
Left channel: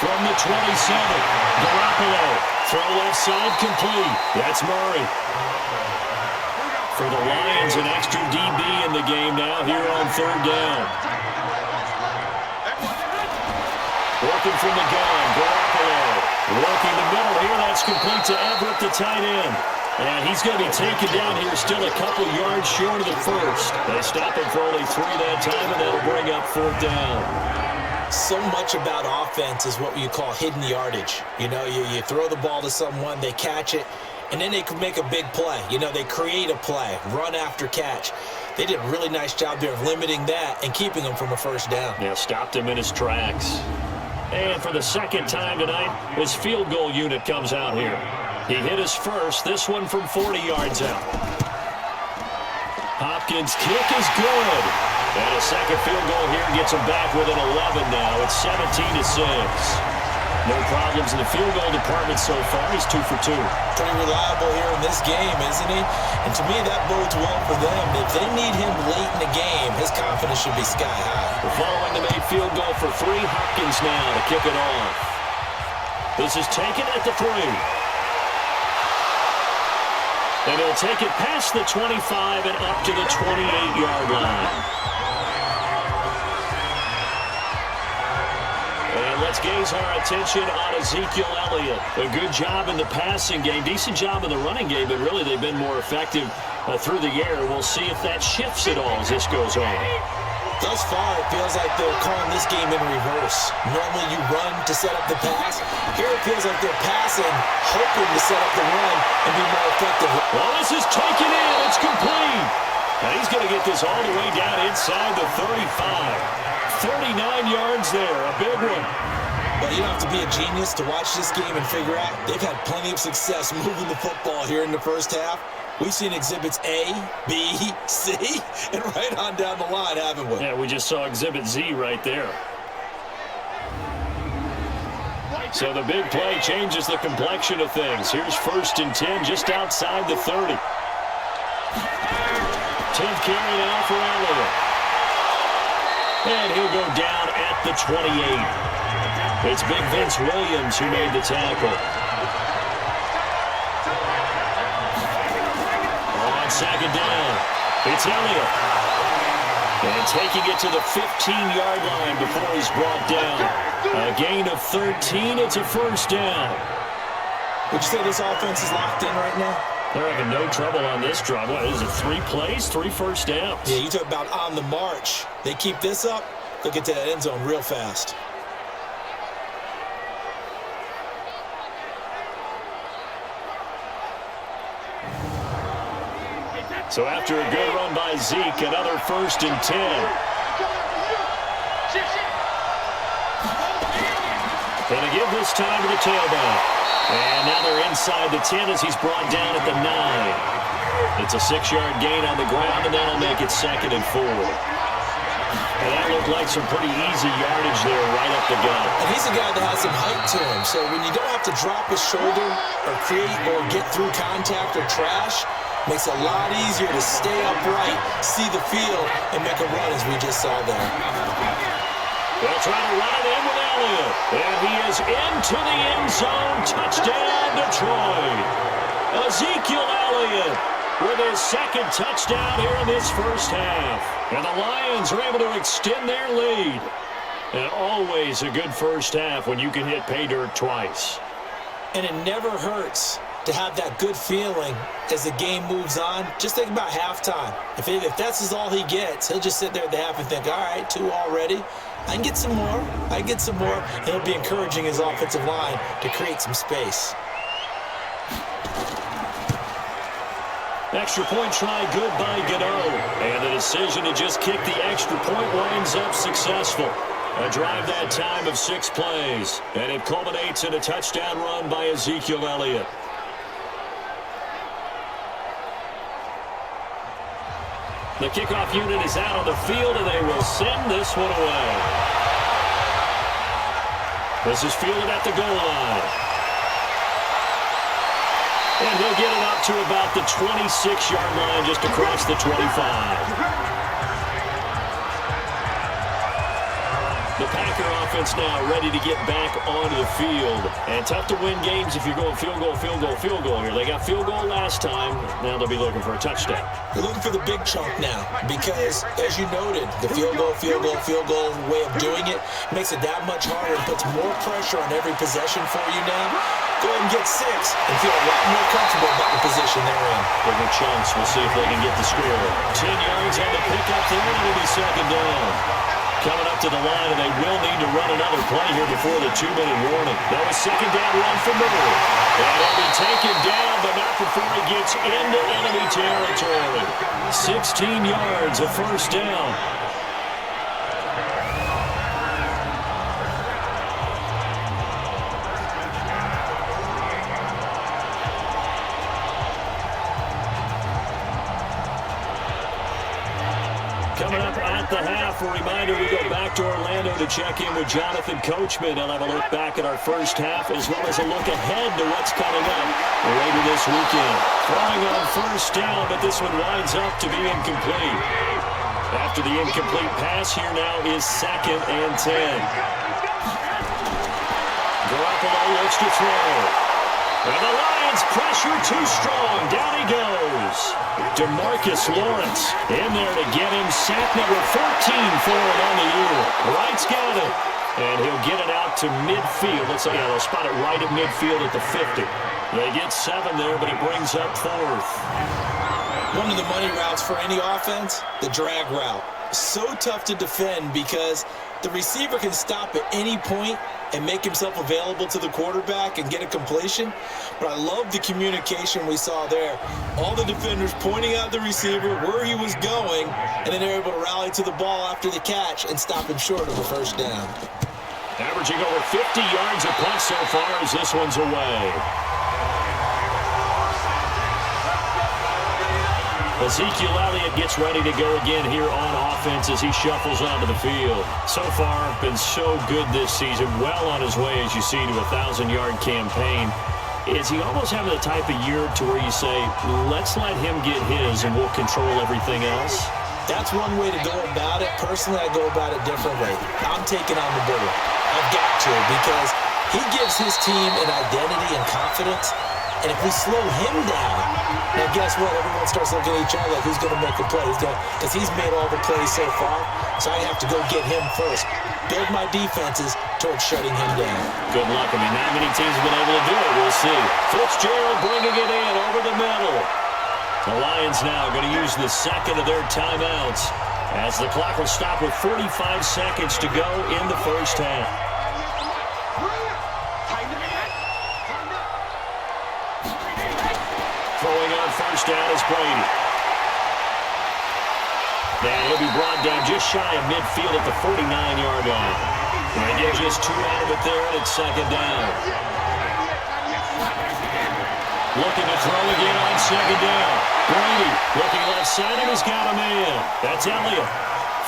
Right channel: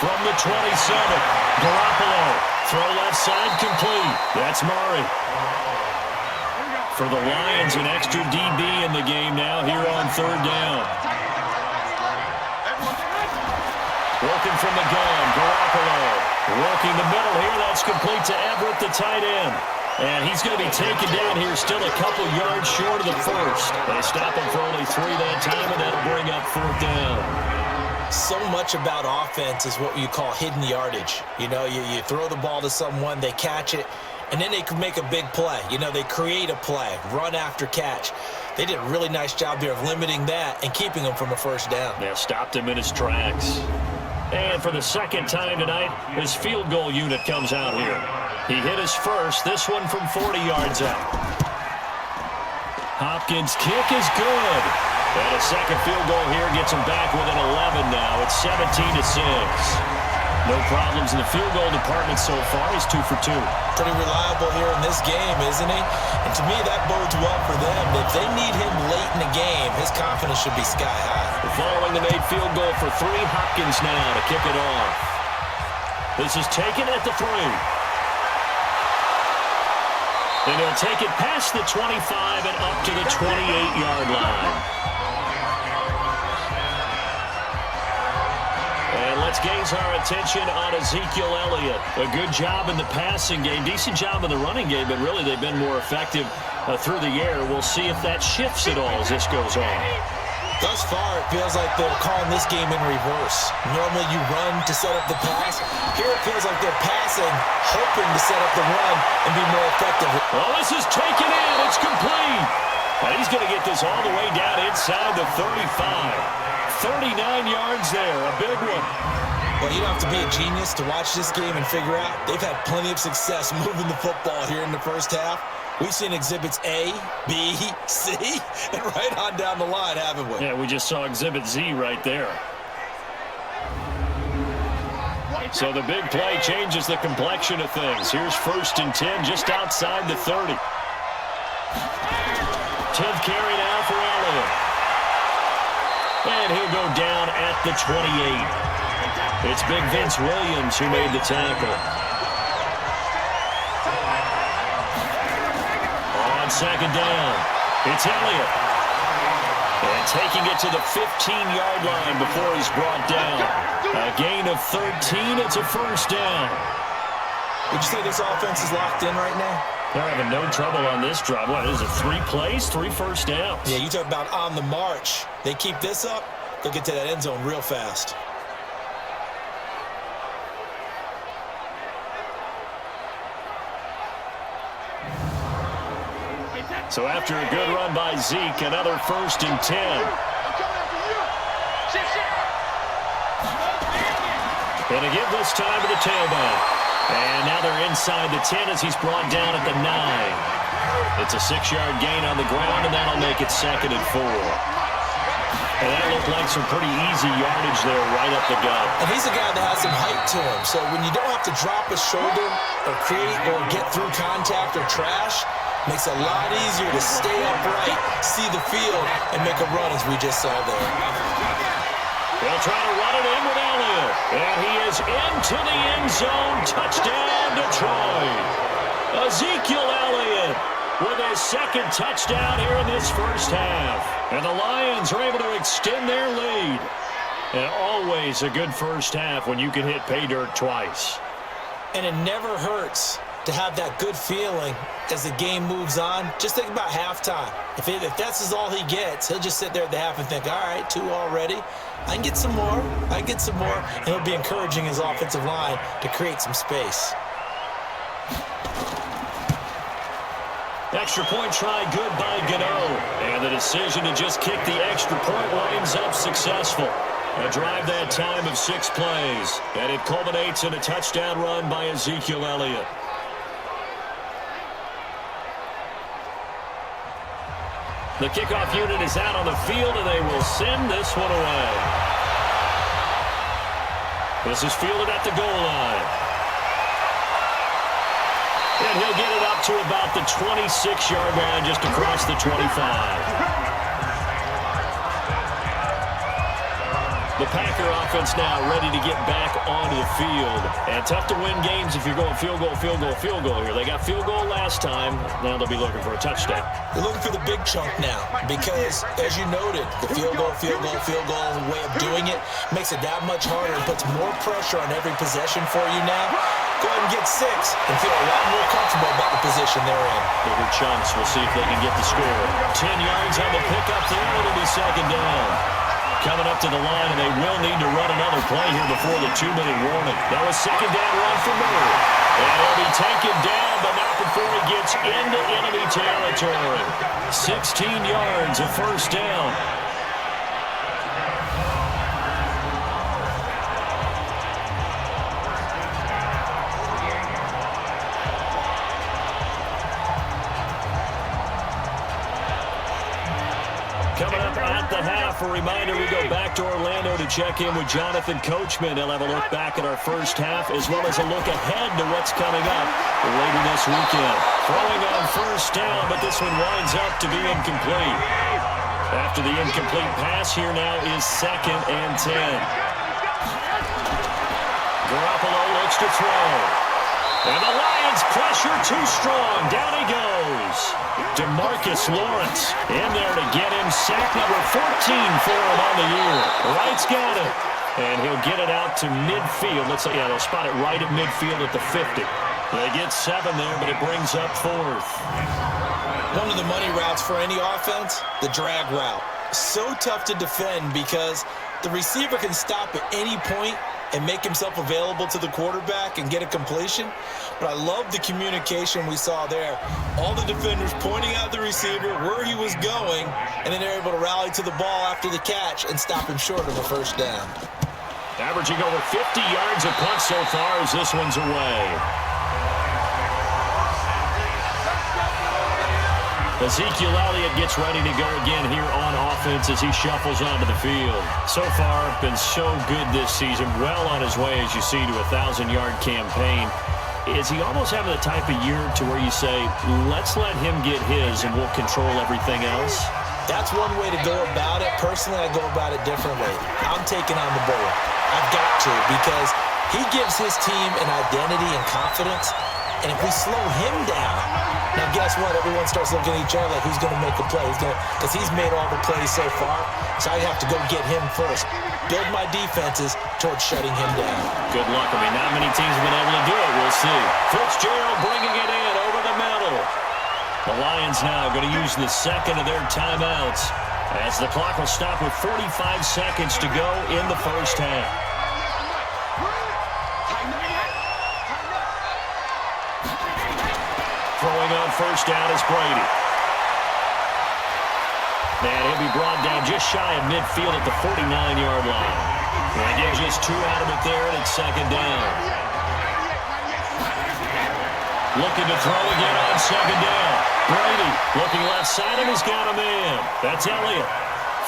From the 27, Garoppolo. Throw left side complete. That's Murray. For the Lions, an extra DB in the game now here on 3rd down. Working from the gun, Garoppolo. Working the middle here. That's complete to Everett, the tight end. And he's going to be taken down here, still a couple yards short of the first. They stop him for only 3 that time, and that'll bring up 4th down. So much about offense is what you call hidden yardage. You know, you throw the ball to someone, they catch it, and then they can make a big play. You know, they create a play, run after catch. They did a really nice job there of limiting that and keeping him from a first down. Yeah, stopped him in his tracks. And for the second time tonight, his field goal unit comes out here. He hit his first, this one from 40 yards out. Hopkins' kick is good. And a second field goal here gets him back within 11 now. It's 17-6. No problems in the field goal department so far. He's 2 for 2. Pretty reliable here in this game, isn't he? And to me, that bodes well for them. If they need him late in the game, his confidence should be sky high. Following the made field goal for 3, Hopkins now to kick it off. This is taken at the 3. And he'll take it past the 25 and up to the 28-yard line. And let's gaze our attention on Ezekiel Elliott. A good job in the passing game, decent job in the running game, but really they've been more effective through the air. We'll see if that shifts at all as this goes on. Thus far, it feels like they're calling this game in reverse. Normally you run to set up the pass. Here it feels like they're passing, hoping to set up the run and be more effective. Well, this is taken in. It's complete. And he's going to get this all the way down inside the 35. 39 yards there, a big one. Well, you don't have to be a genius to watch this game and figure out they've had plenty of success moving the football here in the first half. We've seen exhibits A, B, C, and right on down the line, haven't we? Yeah, we just saw exhibit Z right there. So the big play changes the complexion of things. Here's 1st and 10 just outside the 30. 10th carry now for Elliott. And he'll go down at the 28. It's big Vince Williams who made the tackle. On 2nd down, it's Elliott. And taking it to the 15-yard line before he's brought down. A gain of 13, it's a 1st down. Would you say this offense is locked in right now? They're having no trouble on this drive. What is it, 3 plays, 3 first downs? Yeah, you talk about on the march. They keep this up, they'll get to that end zone real fast. So after a good run by Zeke, another 1st and 10. And to give this time to the tailback. And now they're inside the 10 as he's brought down at the 9. It's a 6-yard gain on the ground, and that'll make it 2nd and 4. And that looked like some pretty easy yardage there right up the gut. And he's a guy that has some height to him. So when you don't have to drop a shoulder or create or get through contact or trash, makes it a lot easier to stay upright, see the field, and make a run as we just saw there. They'll try to run it in with Elliott. And he is into the end zone. Touchdown, Detroit. Ezekiel Elliott with his 2nd touchdown here in this first half. And the Lions are able to extend their lead. And always a good first half when you can hit pay dirt twice. And it never hurts to have that good feeling as the game moves on. Just think about halftime. If that's all he gets, he'll just sit there at the half and think, all right, 2 already. I can get some more. And he'll be encouraging his offensive line to create some space. Extra point try good by Gano. And the decision to just kick the extra point winds up successful. A drive that time of 6 plays. And it culminates in a touchdown run by Ezekiel The kickoff unit is out on the field, and they will send this one away. This is fielded at the goal line. And he'll get it up to about the 26-yard line, just across the 25. The Packer offense now ready to get back onto the field. And tough to win games if you're going field goal, field goal, field goal here. They got field goal last time. Now they'll be looking for a touchdown. They're looking for the big chunk now because, as you noted, the field goal way of doing it makes it that much harder and puts more pressure on every possession for you now. Go ahead and get 6 and feel a lot more comfortable about the position they're in. Bigger chunks. We'll see if they can get the score. 10 yards on the pickup there, and it'll be second down. Coming up to the line, and they will need to run another play here before the 2-minute warning. That was second down run for Murray. And he'll be taken down, but not before he gets into enemy territory. 16 yards, a first down. Coming up at the half, a reminder, we go back to Orlando to check in with Jonathan Coachman. He'll have a look back at our first half as well as a look ahead to what's coming up later this weekend. Throwing on first down, but this one winds up to be incomplete. After the incomplete pass, here now is 2nd and 10. Garoppolo looks to throw. And the Lions pressure too strong. Down he goes. DeMarcus Lawrence in there to get him. Sack number 14 for him on the year. Wright's got it. And he'll get it out to midfield. Let's say, yeah, they'll spot it right at midfield at the 50. They get 7 there, but it brings up 4th. One of the money routes for any offense, the drag route. So tough to defend because the receiver can stop at any point and make himself available to the quarterback and get a completion. But I love the communication we saw there. All the defenders pointing out the receiver, where he was going, and then they're able to rally to the ball after the catch and stop him short of a first down. Averaging over 50 yards a punt so far as this one's away. Ezekiel Elliott gets ready to go again here on offense as he shuffles onto the field. So far, been so good this season. Well on his way, as you see, to a 1,000-yard campaign. Is he almost having the type of year to where you say, let's let him get his and we'll control everything else? That's one way to go about it. Personally, I go about it differently. I'm taking on the bull. I've got to because he gives his team an identity and confidence. And if we slow him down, now guess what? Everyone starts looking at each other like, who's going to make a play? Because he's made all the plays so far, so I have to go get him first. Build my defenses towards shutting him down. Good luck. I mean, not many teams have been able to do it. We'll see. Fitzgerald bringing it in over the middle. The Lions now going to use the second of their timeouts as the clock will stop with 45 seconds to go in the first half. Throwing on first down is Brady. And he'll be brought down just shy of midfield at the 49-yard line. They get just 2 out of it there, and it's second down. Looking to throw again on second down. Brady looking left side, and he's got a man. That's Elliott.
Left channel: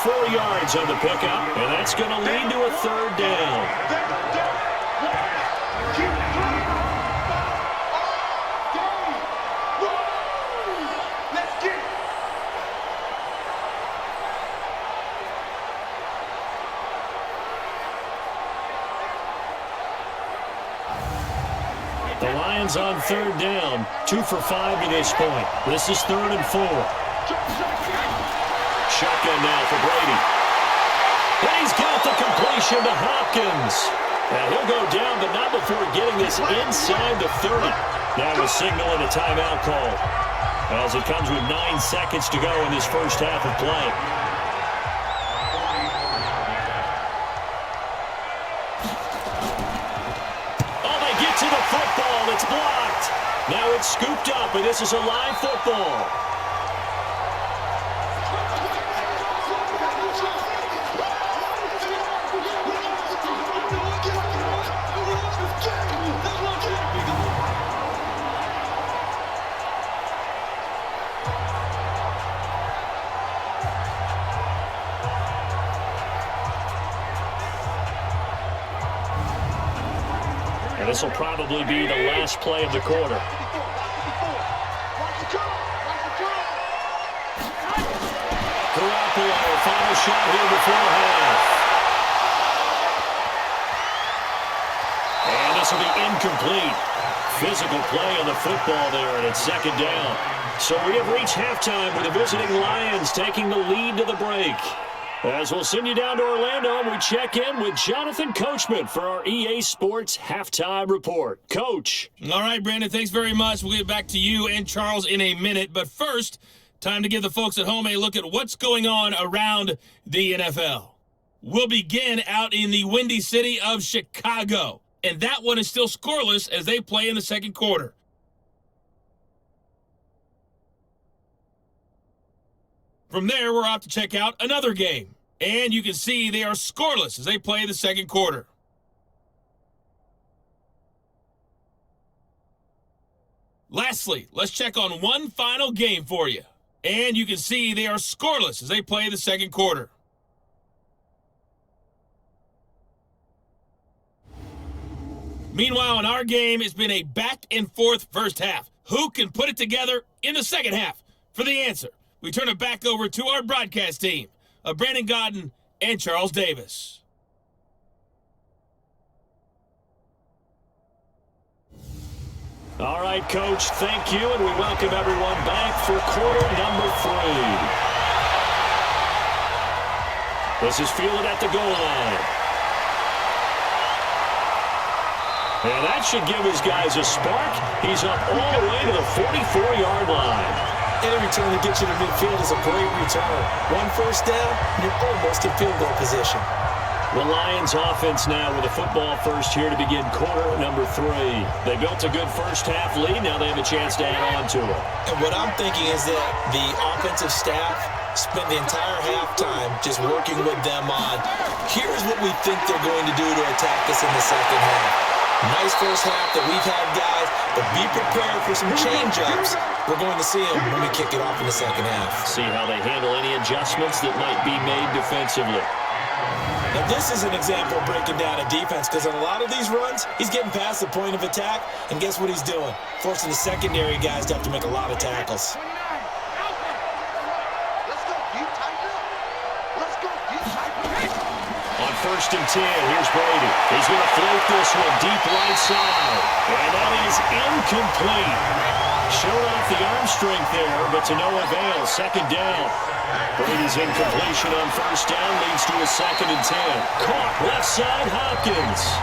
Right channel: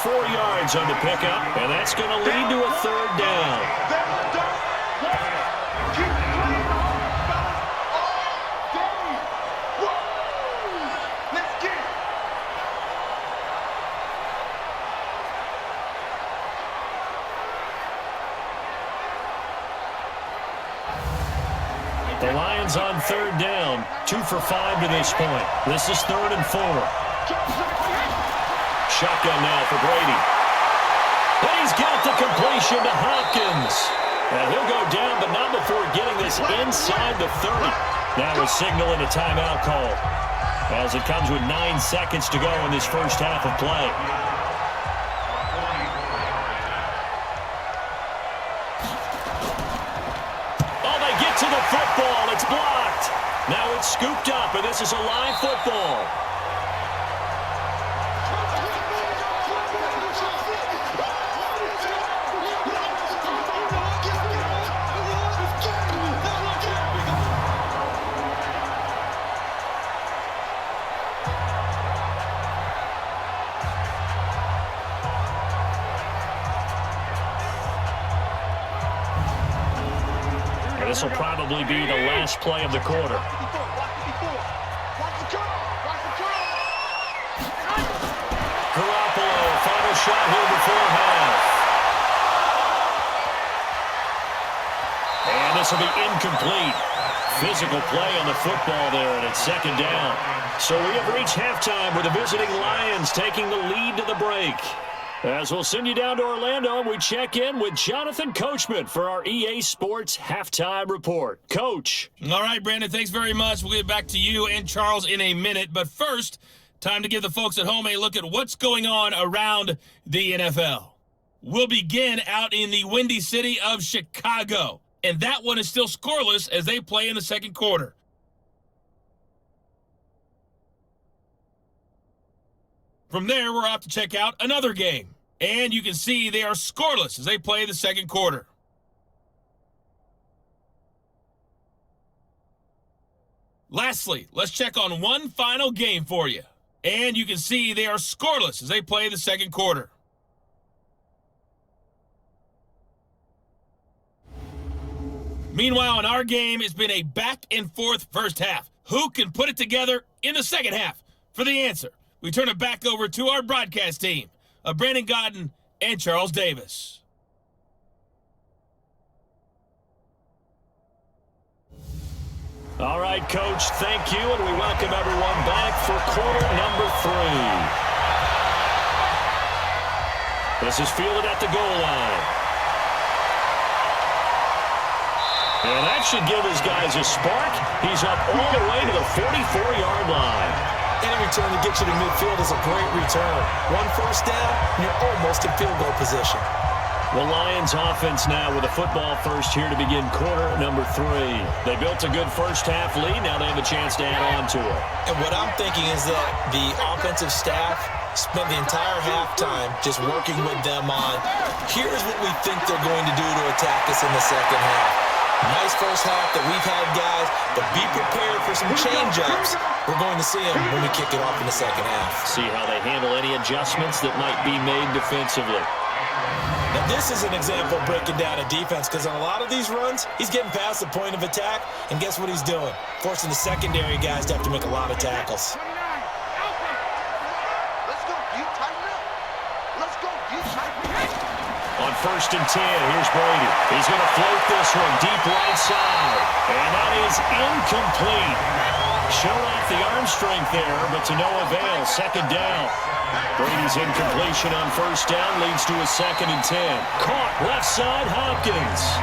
4 yards on the pickup, and that's going to lead to a third down. The Lions on third down, 2 for 5 to this point. This is 3rd and 4. Shotgun now for Brady. And he's got the completion to Hopkins. And he'll go down, but not before getting this inside the 30. Now a signal and a timeout call as it comes with 9 seconds to go in this first half of play. To the football, it's blocked. Now it's scooped up, and this is a live football. This will probably be the last play of the quarter. Garoppolo, final shot here before half. And this will be incomplete. Physical play on the football there, and it's second down. So we have reached halftime with the visiting Lions taking the lead to the break. As we'll send you down to Orlando, and we check in with Jonathan Coachman for our EA Sports Halftime Report. Coach. All right, Brandon, thanks very much. We'll get back to you and Charles in a minute. But first, time to give the folks at home a look at what's going on around the NFL. We'll begin out in the windy city of Chicago. And that one is still scoreless as they play in the second quarter. From there, we're off to check out another game. And you can see they are scoreless as they play the second quarter. Lastly, let's check on one final game for you. And you can see they are scoreless as they play the second quarter. Meanwhile, in our game, it's been a back-and-forth first half. Who can put it together in the second half? For the answer, we turn it back over to our broadcast team of Brandon Godden and Charles Davis. All right, Coach, thank you, and we welcome everyone back for quarter number 3. This is fielded at the goal line. And that should give his guys a spark. He's up all the way to the 44-yard line. Any return to get you to midfield is a great return. One first down, and you're almost in field goal position. The Lions offense now with a football first here to begin quarter number 3. They built a good first half lead. Now they have a chance to add on to it. And what I'm thinking is that the offensive staff spent the entire halftime just working with them on, here's what we think they're going to do to attack us in the second half. Nice first half that we've had, guys, but be prepared for some change-ups. We're going to see them when we kick it off in the second half. See how they handle any adjustments that might be made defensively. Now, this is an example of breaking down a defense, because on a lot of these runs, he's getting past the point of attack, and guess what he's doing? Forcing the secondary guys to have to make a lot of tackles. Let's go deep, tighten up. Let's go deep, tighten up. On first and 10, here's Brady. He's going to float this one deep right side. And that is incomplete. Showed off the arm strength there, but to no avail. Second down. Brady's incompletion on first down leads to a second and 10. Caught left side, Hopkins.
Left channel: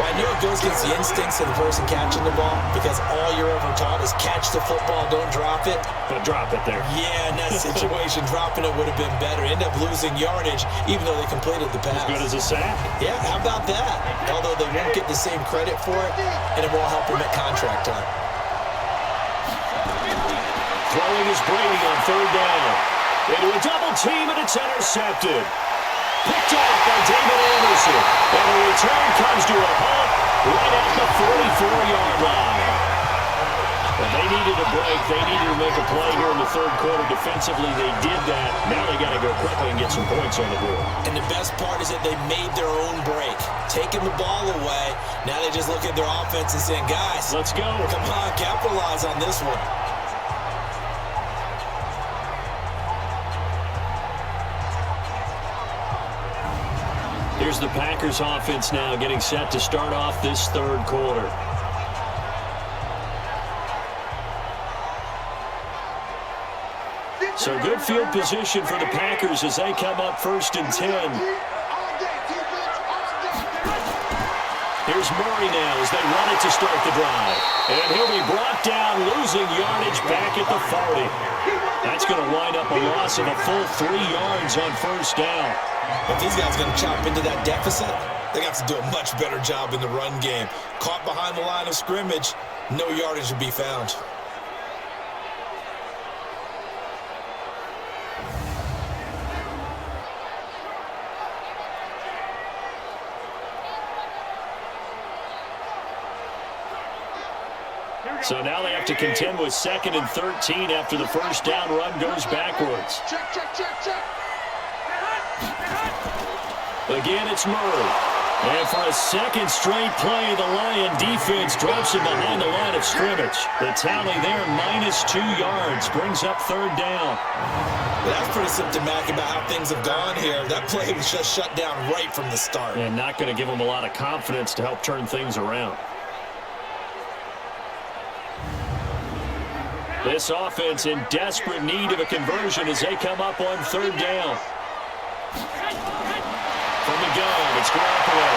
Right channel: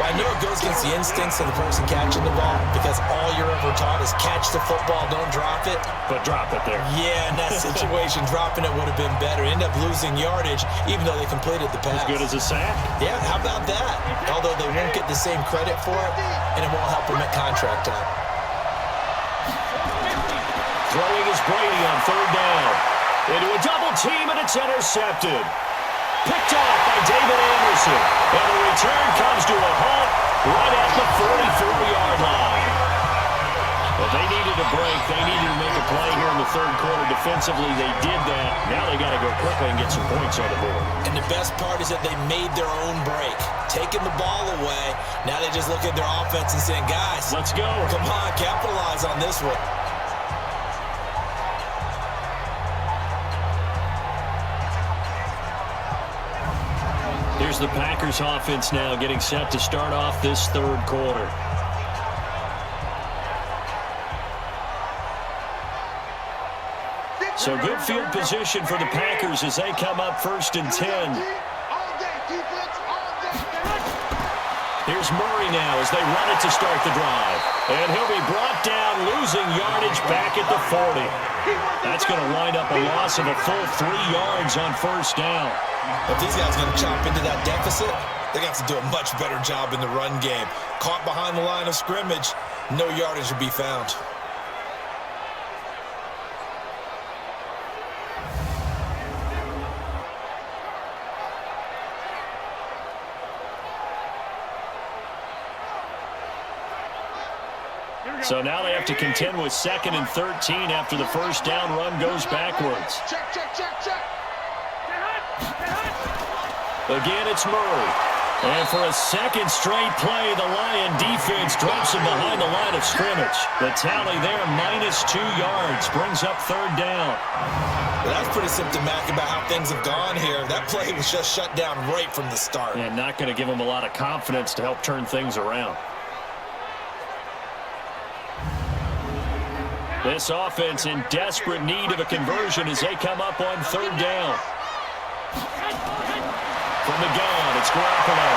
Well, I know it goes against the instincts of the person catching the ball, because all you're ever taught is catch the football, don't drop it. But drop it there. Yeah, in that situation, dropping it would have been better. End up losing yardage, even though they completed the pass. As good as a sack. Yeah, how about that? Although they won't get the same credit for it, and it won't help them at contract time. Throwing is Brady on third down. Into a double team, and it's intercepted. Picked off by David Anderson. And the return comes to a halt right at the 44-yard line. Well, they needed a break. They needed to make a play here in the third quarter. Defensively, they did that. Now they got to go quickly and get some points on the board. And the best part is that they made their own break. Taking the ball away, now they just look at their offense and saying, guys, let's go. Come on, capitalize on this one. Here's the Packers offense now getting set to start off this third quarter. So good field position for the Packers as they come up first and 10. Here's Murray now as they run it to start the drive. And he'll be brought down, losing yardage back at the 40. That's going to wind up a loss of a full 3 yards on first down. If these guys are going to chop into that deficit, they're going to have to do a much better job in the run game. Caught behind the line of scrimmage, no yardage to be found. So now they have to contend with 2nd and 13 after the first down run goes backwards. Check. Again, it's Murray. And for a second straight play, the Lion defense drops him behind the line of scrimmage. The tally there, -2 yards, brings up third down. Well, that's pretty symptomatic about how things have gone here. That play was just shut down right from the start. And not going to give him a lot of confidence to help turn things around. This offense in desperate need of a conversion as they come up on third down. From the gun, it's Garoppolo.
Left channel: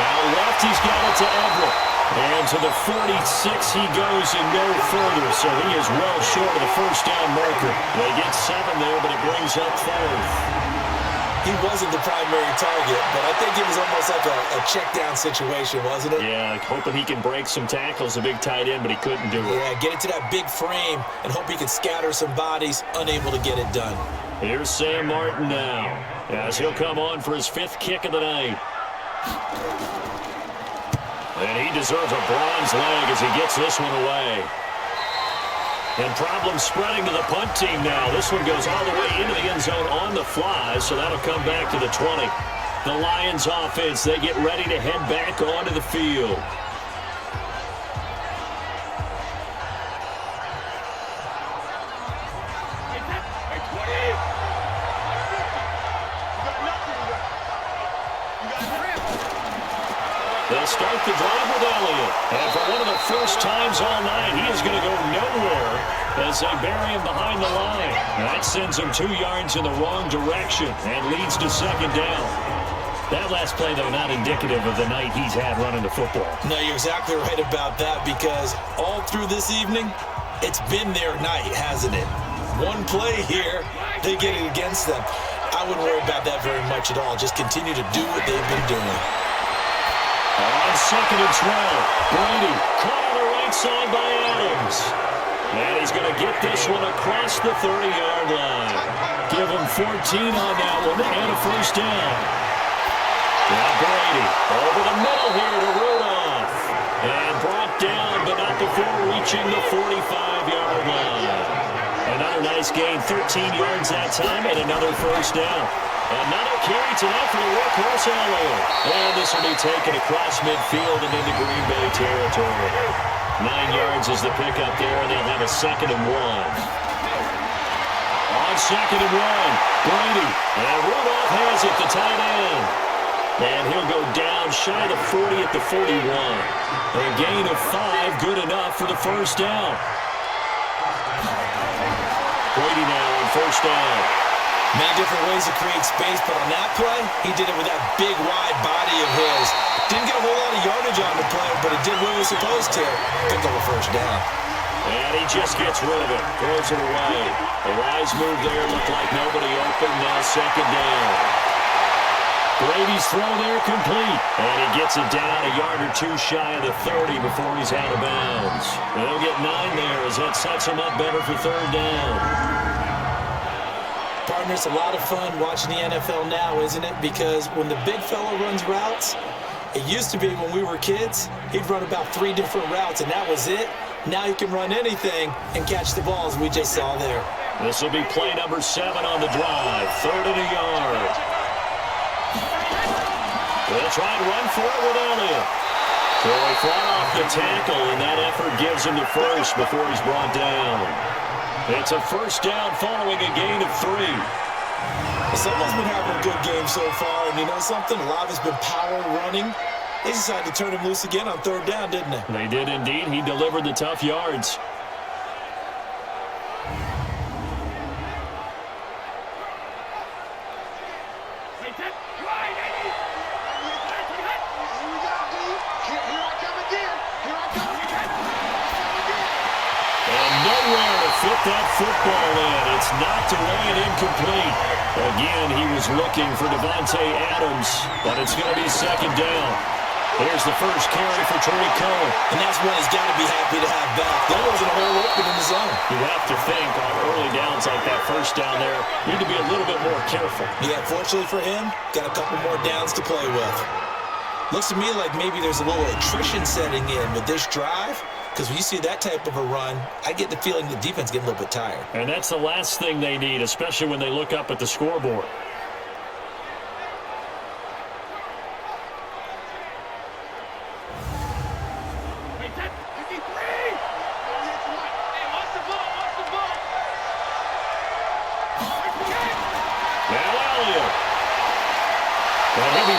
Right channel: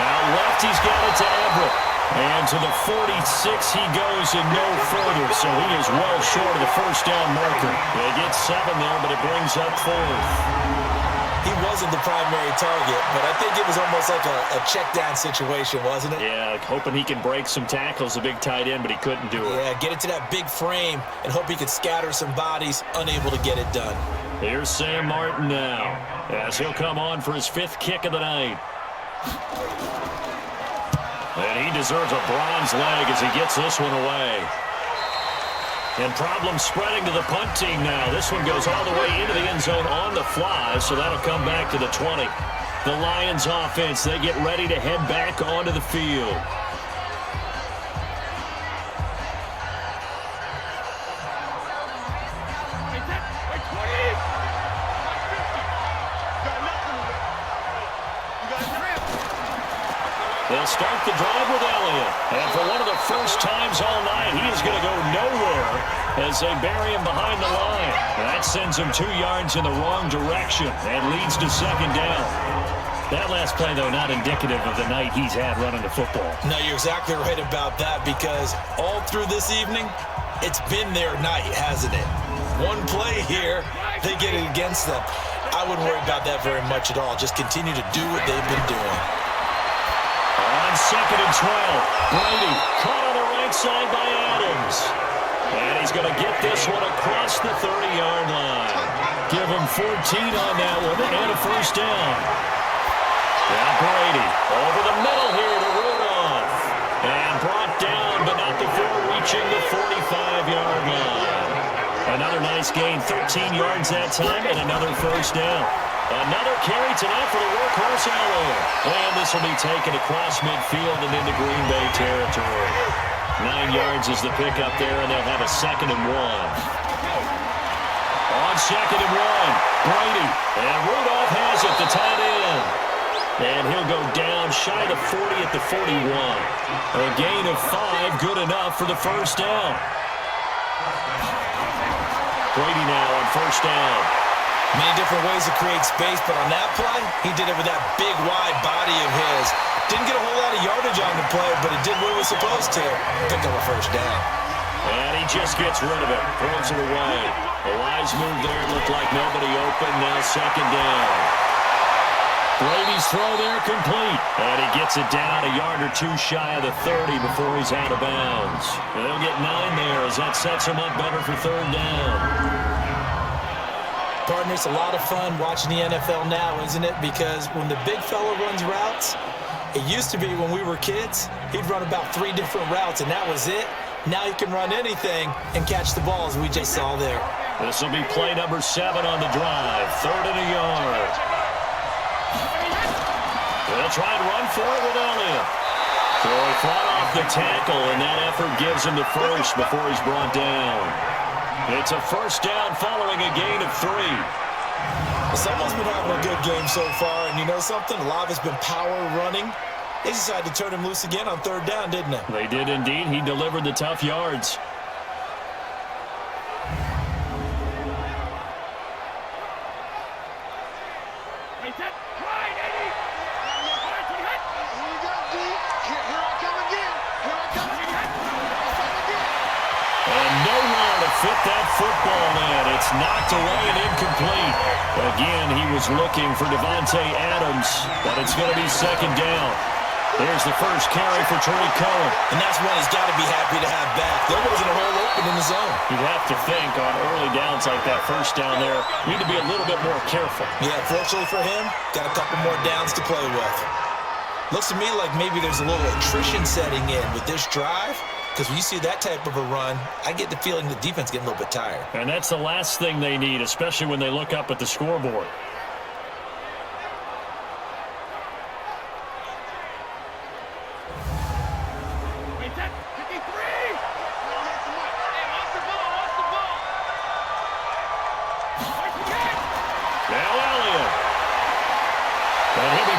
Out left, he's got it to Everett. And to the 46 he goes and no further, so he is well short of the first down marker. They get 7 there, but it brings up 4th. He wasn't the primary target, but I think it was almost like a check-down situation, wasn't it? Yeah, hoping he can break some tackles, a big tight end, but he couldn't do it. Yeah, get it to that big frame and hope he could scatter some bodies, unable to get it done. Here's Sam Martin now, as he'll come on for his 5th kick of the night. And he deserves a bronze leg as he gets this one away. And problems spreading to the punt team now. This one goes all the way into the end zone on the fly, so that'll come back to the 20. The Lions offense, they get ready to head back onto the field. They'll start the drive with Elliott. And for one of the first times all night, he is going to go nowhere as they bury him behind the line. That sends him 2 yards in the wrong direction and leads to second down. That last play, though, not indicative of the night he's had running the football. No, you're exactly right about that, because all through this evening, it's been their night, hasn't it? One play here, they get it against them. I wouldn't worry about that very much at all. Just continue to do what they've been doing. On 2nd and 12, Brady caught on the right side by Adams. And he's going to get this one across the 30-yard line. Give him 14 on that one and a first down. Now Brady over the middle here to Rudolph. And brought down, but not before reaching the 45-yard line. Another nice gain, 13 yards that time, and another first down. Another carry tonight for the workhorse Elliott. And this will be taken across midfield and into Green Bay territory. 9 yards is the pickup there, and they'll have a 2nd and 1. On 2nd and 1, Brady. And Rudolph has it, the tight end. And he'll go down shy of the 40 at the 41. A gain of 5, good enough for the first down. Brady now on first down. Many different ways to create space, but on that play, he did it with that big, wide body of his. Didn't get a whole lot of yardage on the play, but it did what it was supposed to. Pick up a first down. And he just gets rid of it, throws it away. A wise move there, looked like nobody open, now second down. Brady's throw there complete, and he gets it down a yard or 2 shy of the 30 before he's out of bounds. And they'll get 9 there as that sets him up better for third down. Partner, it's a lot of fun watching the NFL now, isn't it? Because when the big fella runs routes, it used to be when we were kids, he'd run about 3 different routes, and that was it. Now he can run anything and catch the balls we just saw there. This will be play number 7 on the drive. 3rd and a yard. They'll try and run for it with Elliott. So he fought off the tackle, and that effort gives him the first before he's brought down. It's a first down following a gain of 3. Well, someone's been having a good game so far, and you know something? A lot of it's been power running. They decided to turn him loose again on 3rd down, didn't they? They did indeed. He delivered the tough yards. Fit that football in. It's knocked away and incomplete. Again, he was looking for Devontae Adams, but it's going to be second down. Here's the first carry for Tariq Cohen. And that's one he's got to be happy to have back. There wasn't a hole open in the zone. You'd have to think on early downs like that first down there, need to be a little bit more careful. Yeah, fortunately for him, got a couple more downs to play with. Looks to me like maybe there's a little attrition setting in with this drive. Because when you see that type of a run, I get the feeling the defense getting a little bit tired. And that's the last thing they need, especially when they look up at the scoreboard.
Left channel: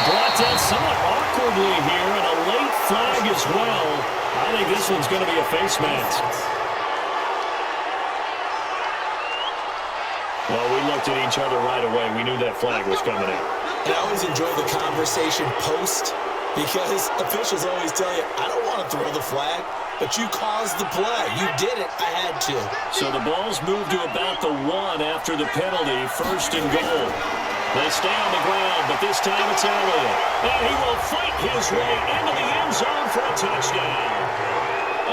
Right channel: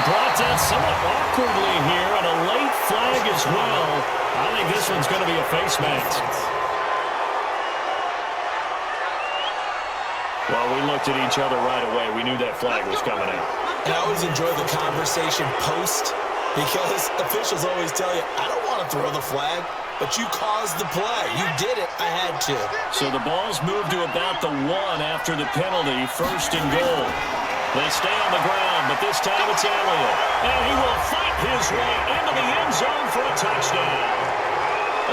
brought down somewhat awkwardly here, and a late flag as well. I think this one's going to be a face mask. Well, we looked at each other right away. We knew that flag was coming in. And I always enjoy the conversation post, because officials always tell you, I don't want to throw the flag, but you caused the play. You did it. I had to. So the ball's moved to about the 1 after the penalty, 1st and goal. They stay on the ground, but this time it's Elliott. And he will fight his way into the end zone for a touchdown.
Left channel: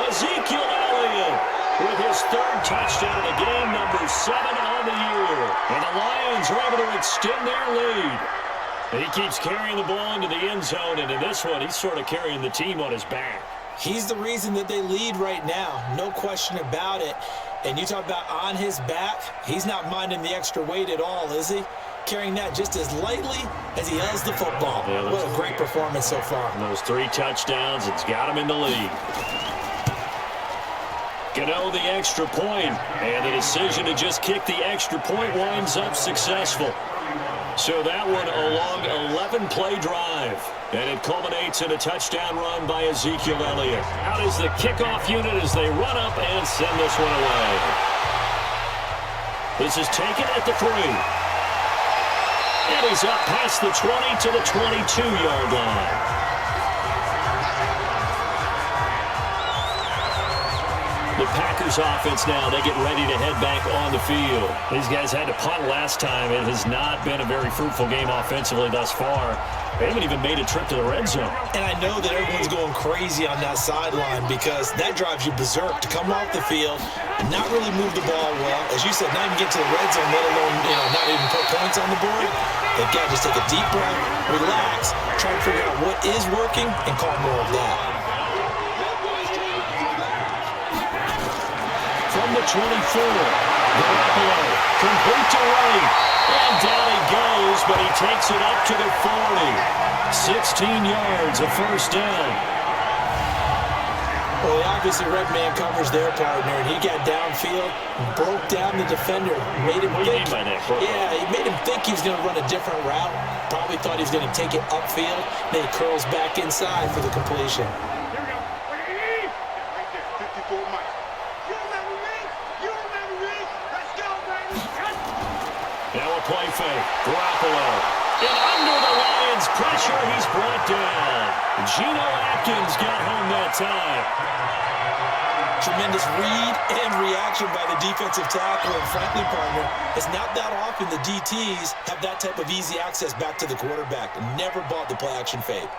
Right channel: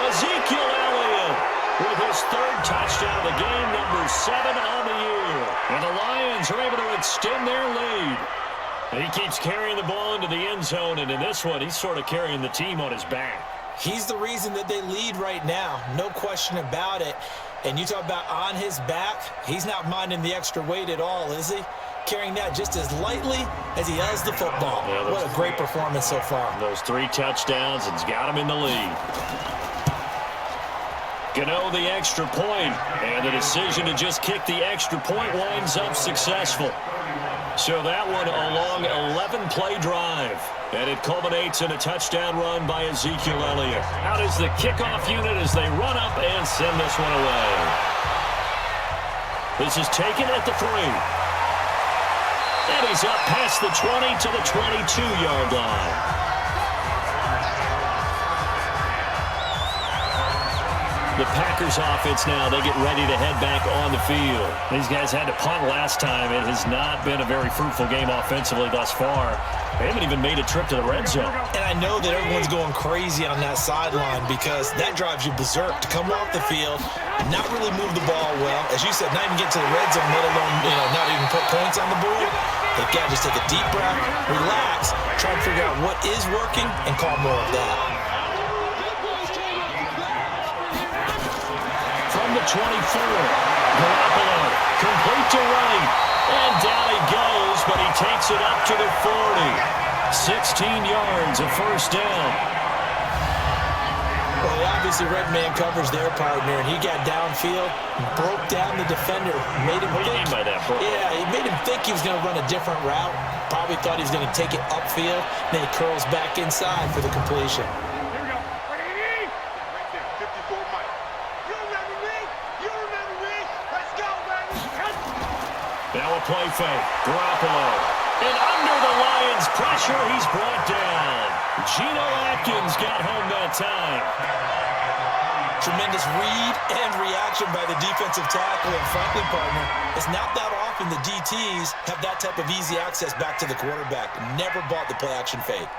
Ezekiel Elliott with his 3rd touchdown of the game, number 7 on the year. And the Lions are able to extend their lead. He keeps carrying the ball into the end zone, and in this one, he's sort of carrying the team on his back. He's the reason that they lead right now, no question about it. And you talk about on his back, he's not minding the extra weight at all, is he? Carrying that just as lightly as he does the football. Yeah, what a great performance so far. Those 3 touchdowns, it's got him in the lead. Gano the extra point, and the decision to just kick the extra point winds up successful. So that one a long 11-play drive, and it culminates in a touchdown run by Ezekiel Elliott. Out is the kickoff unit as they run up and send this one away. This is taken at the 3. And he's up past the 20 to the 22-yard line. The Packers offense now, they get ready to head back on the field. These guys had to punt last time. It has not been a very fruitful game offensively thus far. They haven't even made a trip to the red zone. And I know that everyone's going crazy on that sideline because that drives you berserk to come off the field and not really move the ball well. As you said, not even get to the red zone, let alone, not even put points on the board. They've got to just take a deep breath, relax, try and figure out what is working and call more of that. From the 24, Garoppolo, complete to right, and down he goes, but he takes it up to the 40. 16 yards, a first down. Well, he obviously red man covers their partner, and he got downfield, broke down the defender, made him think. What do you mean by that, bro? Yeah, he made him think he was going to run a different route. Probably thought he was going to take it upfield. Then he curls back inside for the completion. Here we go. Yeah, right there. 54 Mike. You remember me? You remember me? Let's go, baby. Now a play fake. Garoppolo. And under the Lions' pressure, he's brought down. Geno Atkins got home that time. Tremendous read and reaction by the defensive tackle. And frankly, partner, it's not that often the DTs have that type of easy access back to the quarterback. Never bought the play action fake.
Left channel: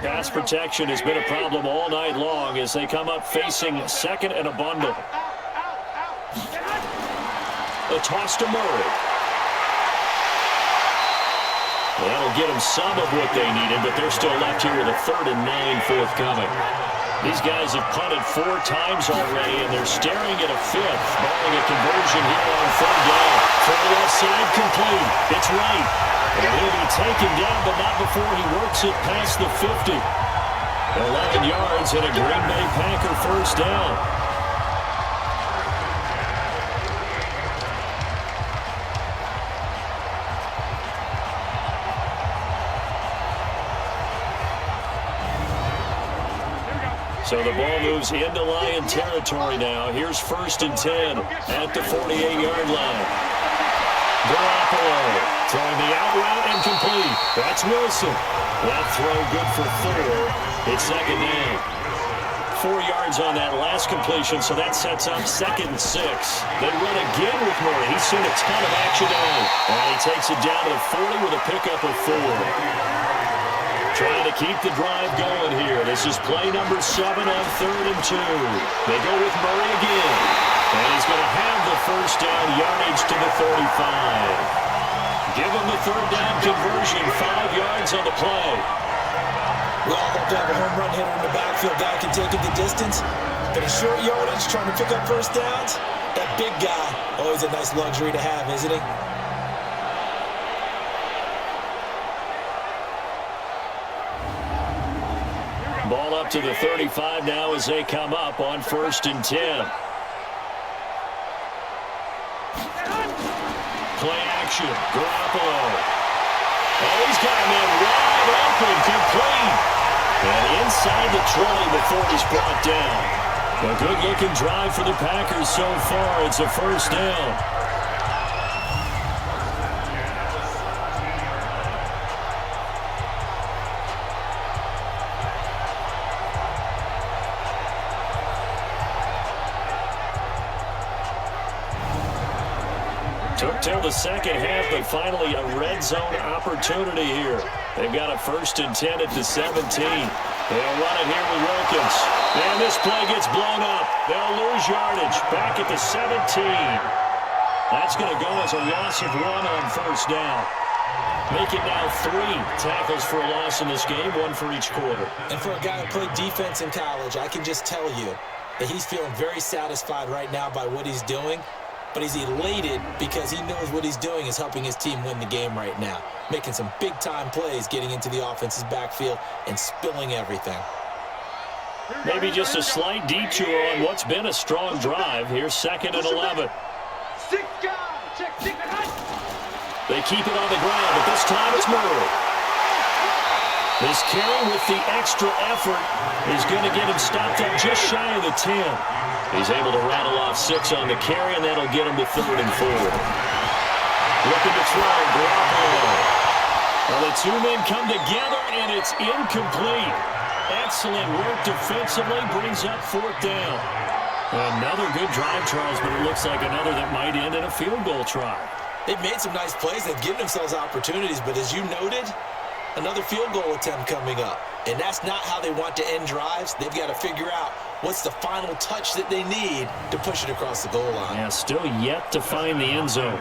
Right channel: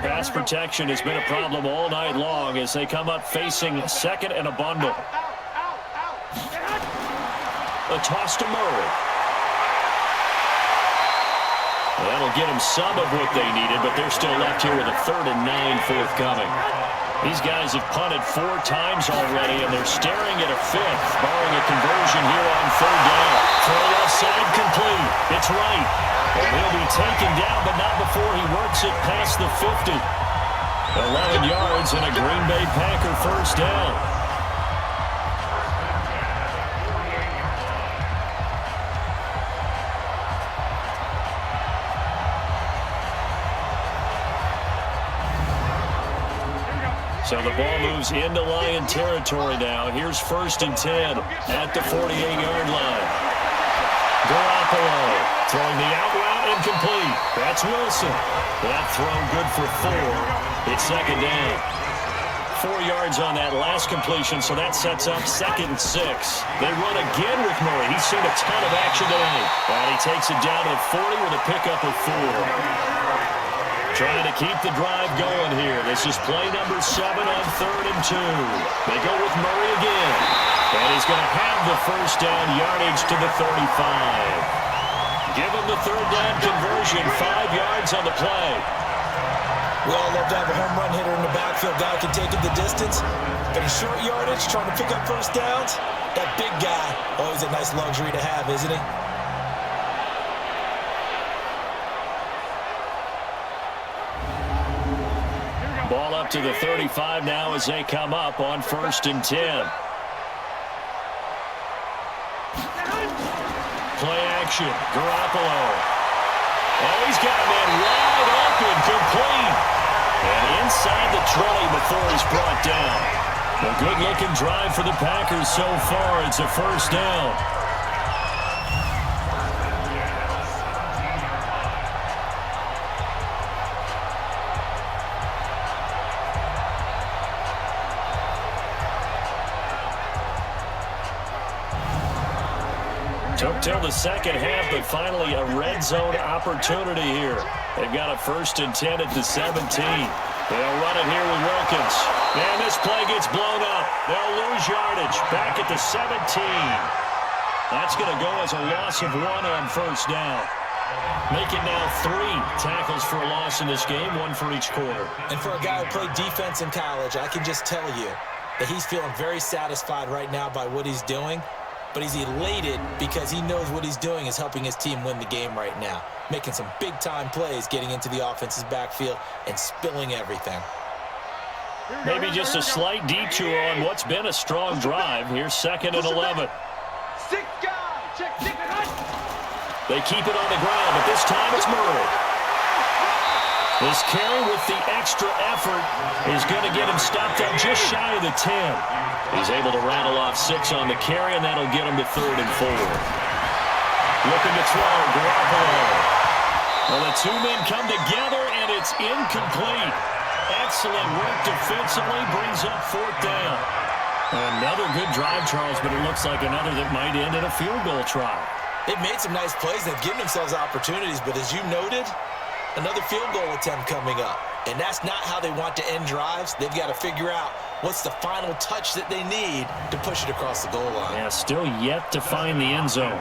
Pass protection has been a problem all night long as they come up facing second and a bundle. A toss to Murray. Well, that'll get them some of what they needed, but they're still left here with a 3rd and 9 forthcoming. These guys have punted 4 times already, and they're staring at a 5th, barring a conversion here on 3rd down. Throw left side complete. It's right. And he'll be taken down, but not before he works it past the 50. 11 yards and a Green Bay Packer first down. So the ball moves into Lion territory now. Here's 1st and 10 at the 48-yard line. Garoppolo throwing the out route and complete. That's Wilson. That throw good for 4. It's 2nd down. 4 yards on that last completion, so that sets up 2nd and 6. They run again with Murray. He's seen a ton of action tonight. And he takes it down to the 40 with a pickup of 4. Trying to keep the drive going here. This is play number 7 on 3rd and 2. They go with Murray again. And he's going to have the first down, yardage to the 35. Give him the 3rd down conversion, 5 yards on the play. We all love to have a home run hitter in the backfield. Guy can take it the distance. But in short yardage, trying to pick up first downs, that big guy, always a nice luxury to have, isn't he? Ball up to the 35 now as they come up on 1st and 10. play action. Garoppolo. Oh, he's got a man wide open, complete. And inside the 20 before he's brought down. A good-looking drive for the Packers so far. It's a first down. Took till the second half, but finally a red zone opportunity here. They've got a 1st and 10 at the 17. They'll run it here with Wilkins. And this play gets blown up. They'll lose yardage. Back at the 17. That's going to go as a loss of 1 on first down. Make it now 3 tackles for a loss in this game, 1 for each quarter. And for a guy who played defense in college, I can just tell you that he's feeling very satisfied right now by what he's doing. But he's elated because he knows what he's doing is helping his team win the game right now. Making some big-time plays, getting into the offense's backfield, and spilling everything. Maybe just a slight detour on what's been a strong drive. Here's 2nd and 11. They keep it on the ground, but this time it's Murray. This carry with the extra effort is going to get him stopped up just shy of the 10. He's able to rattle off 6 on the carry, and that'll get him to 3rd and 4. Looking to throw, Garoppolo. Well, the 2 men come together, and it's incomplete. Excellent work defensively, brings up 4th down. Another good drive, Charles, but it looks like another that might end in a field goal try. They've made some nice plays. They've given themselves opportunities, but as you noted, another field goal attempt coming up. And that's not how they want to end drives. They've got to figure out what's the final touch that they need to push it across the goal line. Yeah, still yet to find the end zone.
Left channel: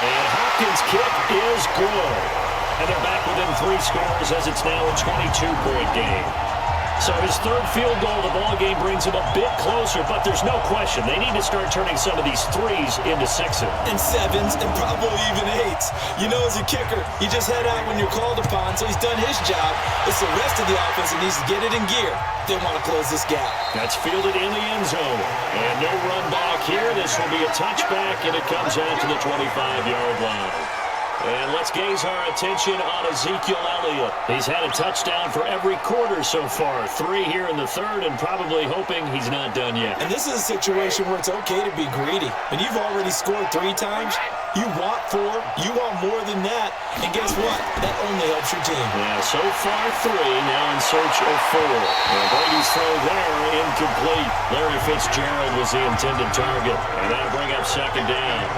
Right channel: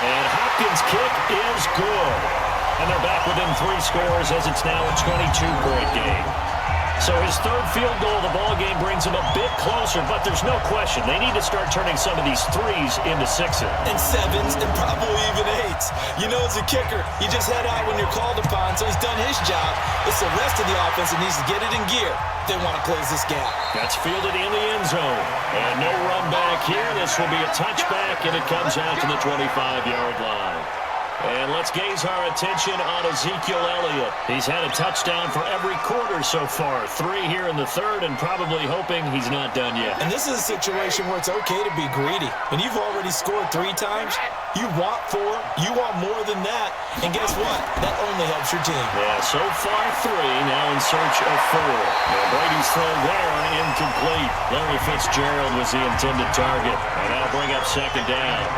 And Hopkins' kick is good. And they're back within 3 scores as it's now a 22-point game. So his 3rd field goal of the ballgame brings him a bit closer, but there's no question they need to start turning some of these 3s into 6s. And 7s and probably even 8s. You know, as a kicker, you just head out when you're called upon, so he's done his job. It's the rest of the offense that needs to get it in gear. They want to close this gap. That's fielded in the end zone. And no run back here. This will be a touchback, and it comes out to the 25-yard line. And let's gaze our attention on Ezekiel Elliott. He's had a touchdown for every quarter so far. 3 here in the 3rd, and probably hoping he's not done yet. And this is a situation where it's okay to be greedy. When you've already scored 3 times, you want 4, you want more than that. And guess what? That only helps your team. Yeah, so far 3, now in search of 4. And Brady's throw there, incomplete. Larry Fitzgerald was the intended target. And that'll bring up 2nd down.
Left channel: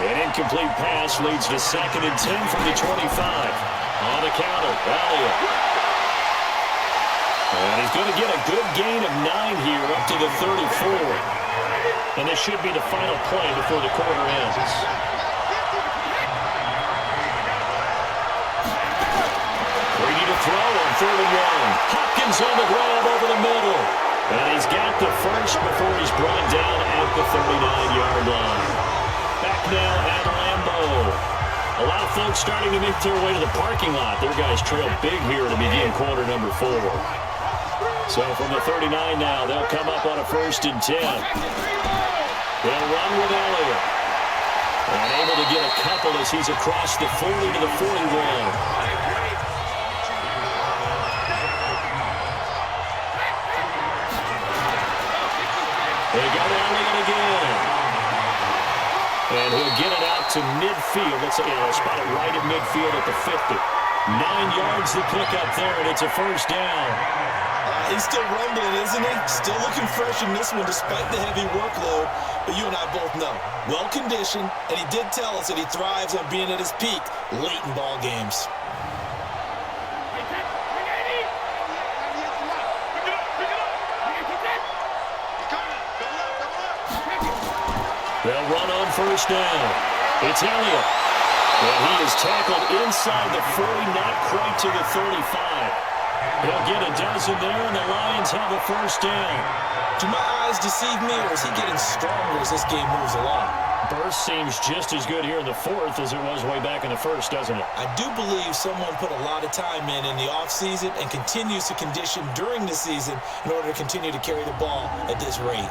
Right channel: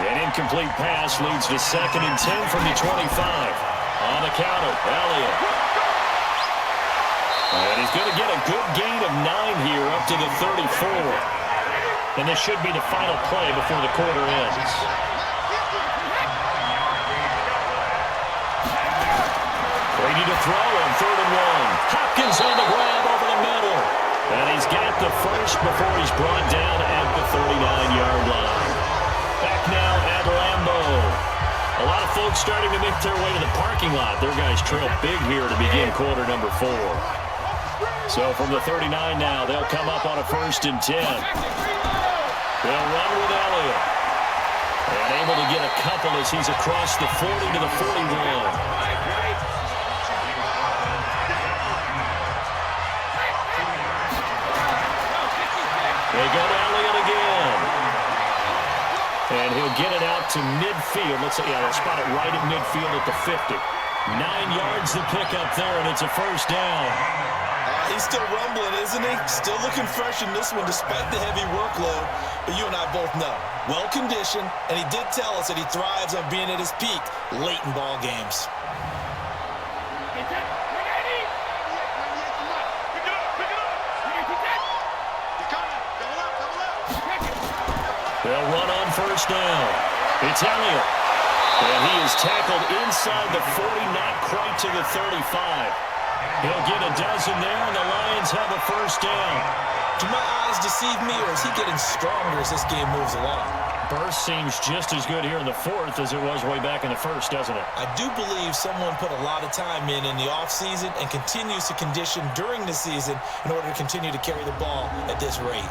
An incomplete pass leads to 2nd and 10 from the 25. On the counter, Elliott. And he's going to get a good gain of 9 here up to the 34. And this should be the final play before the quarter ends. Brady to throw on 3rd and 1. Hopkins on the grab over the middle. And he's got the first before he's brought down at the 39-yard line. Back now at Lambeau. A lot of folks starting to make their way to the parking lot. Their guys trail big here to begin quarter number 4. So from the 39 now, they'll come up on a 1st and 10. They'll run with Elliott. And able to get a couple as he's across the 40 to the 41. They go to Elliott again. And he'll get it out to midfield. Let's say, they'll spot it right at midfield at the 50. 9 yards to pick up there, and it's a first down. He's still rumbling, isn't he? Still looking fresh in this one despite the heavy workload. But you and I both know, well-conditioned, and he did tell us that he thrives on being at his peak late in ball games. They'll run on first down. It's Elliott. And he is tackled inside the 40, not quite to the 35. He'll get a dozen there, and the Lions have a first down. Do my eyes deceive me, or is he getting stronger as this game moves along? burst seems just as good here in the fourth as it was way back in the first, doesn't it? I do believe someone put a lot of time in the offseason and continues to condition during the season in order to continue to carry the ball at this rate.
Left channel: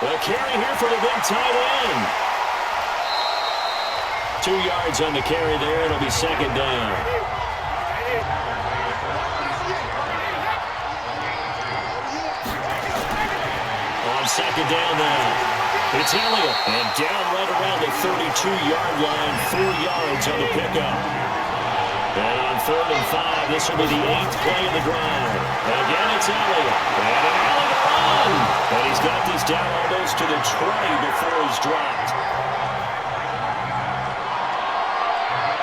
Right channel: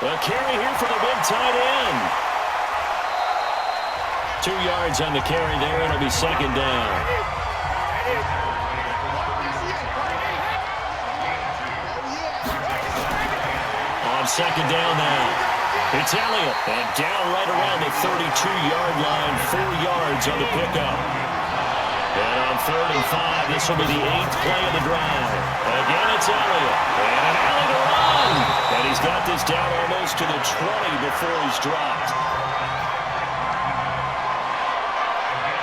The carry here for the big tight end. 2 yards on the carry there. It'll be second down. On second down now. It's Elliott. And down right around the 32-yard line. 4 yards on the pickup. And on 3rd and 5, this will be the 8th play of the drive. Again, it's Elliott. And an alley to run. And he's got this down almost to the 20 before he's dropped.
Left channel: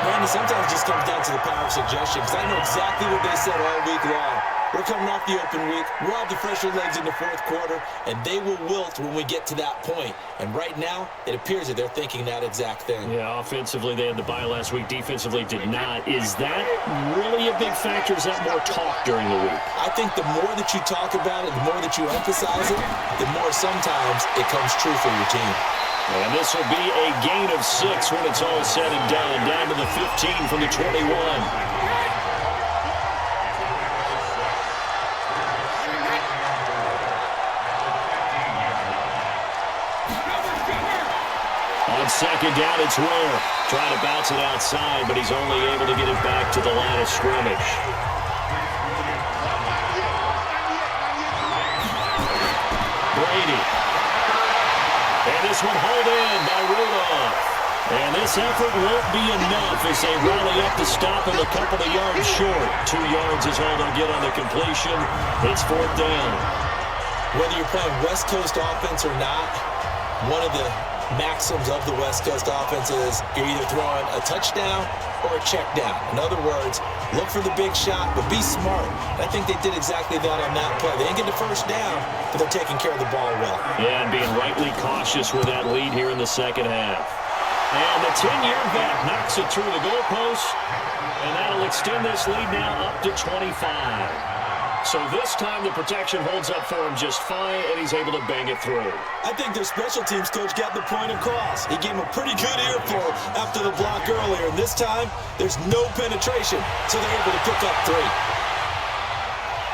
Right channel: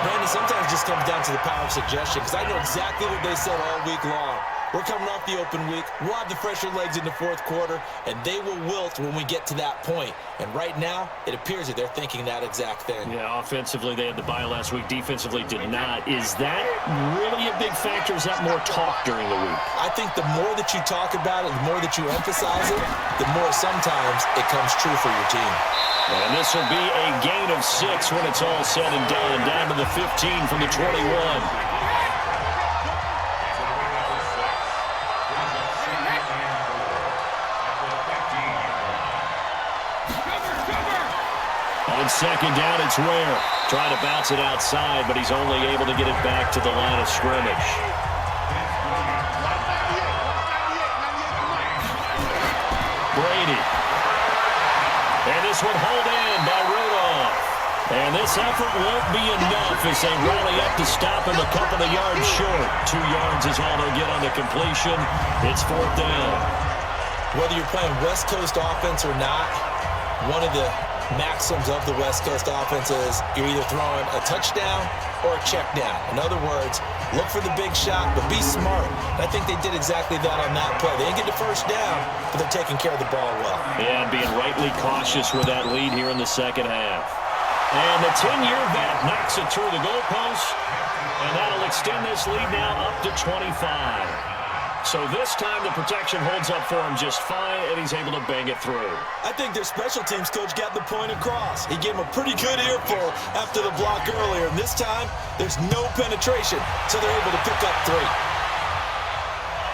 Randy, sometimes it just comes down to the power of suggestion, because I know exactly what they said all week long. We're coming off the open week. We'll have the fresher legs in the fourth quarter, and they will wilt when we get to that point. And right now, it appears that they're thinking that exact thing. Yeah, offensively, they had the bye last week. Defensively, did not. Is that really a big factor? Is that more talk during the week? I think the more that you talk about it, the more that you emphasize it, the more sometimes it comes true for your team. And this will be a gain of 6 when it's all said and done. Down to the 15 from the 21. On second down, it's Ware. Trying to bounce it outside, but he's only able to get it back to the line of scrimmage. Brady. And this one hauled in by Rudolph. And this effort won't be enough as they rally up to stop him a couple of yards short. 2 yards is all they'll get on the completion. It's 4th down. Whether you're playing West Coast offense or not, one of the maxims of the West Coast offense is you're either throwing a touchdown or a check down. In other words, look for the big shot, but be smart. And I think they did exactly that on that play. They didn't get the first down, but they're taking care of the ball well. Yeah, and being rightly cautious with that lead here in the second half. And the 10-year vet knocks it through the goalpost, and that'll extend this lead now up to 25. So this time the protection holds up for him just fine, and he's able to bang it through. I think their special teams coach got the point across. He gave him a pretty good earful after the block earlier, and this time there's no penetration, so they're able to pick up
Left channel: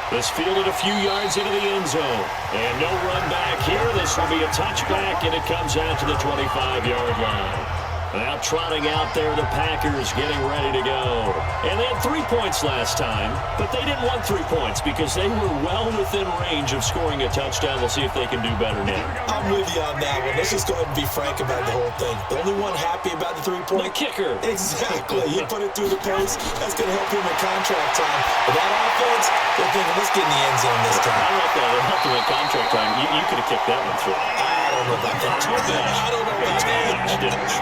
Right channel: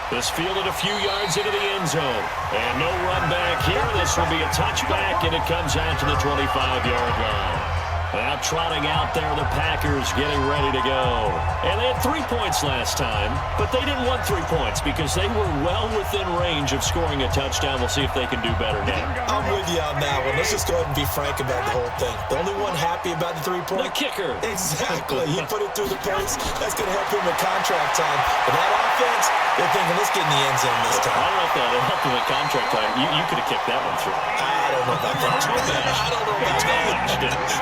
3. This fielded a few yards into the end zone. And no run back here. This will be a touchback, and it comes out to the 25-yard line. Now trotting out there, the Packers getting ready to go. And they had 3 points last time, but they didn't want 3 points because they were well within range of scoring a touchdown. We'll see if they can do better now. I'm with you on that one. Let's just go ahead and be frank about the whole thing. The only one happy about the 3-point? The kicker. Exactly. He put it through the post. That's going to help him with contract time. But that offense, they're thinking, let's get in the end zone this time. I don't know if that helped him with contract time. You could have kicked that one through. I don't know about that. I don't know about that.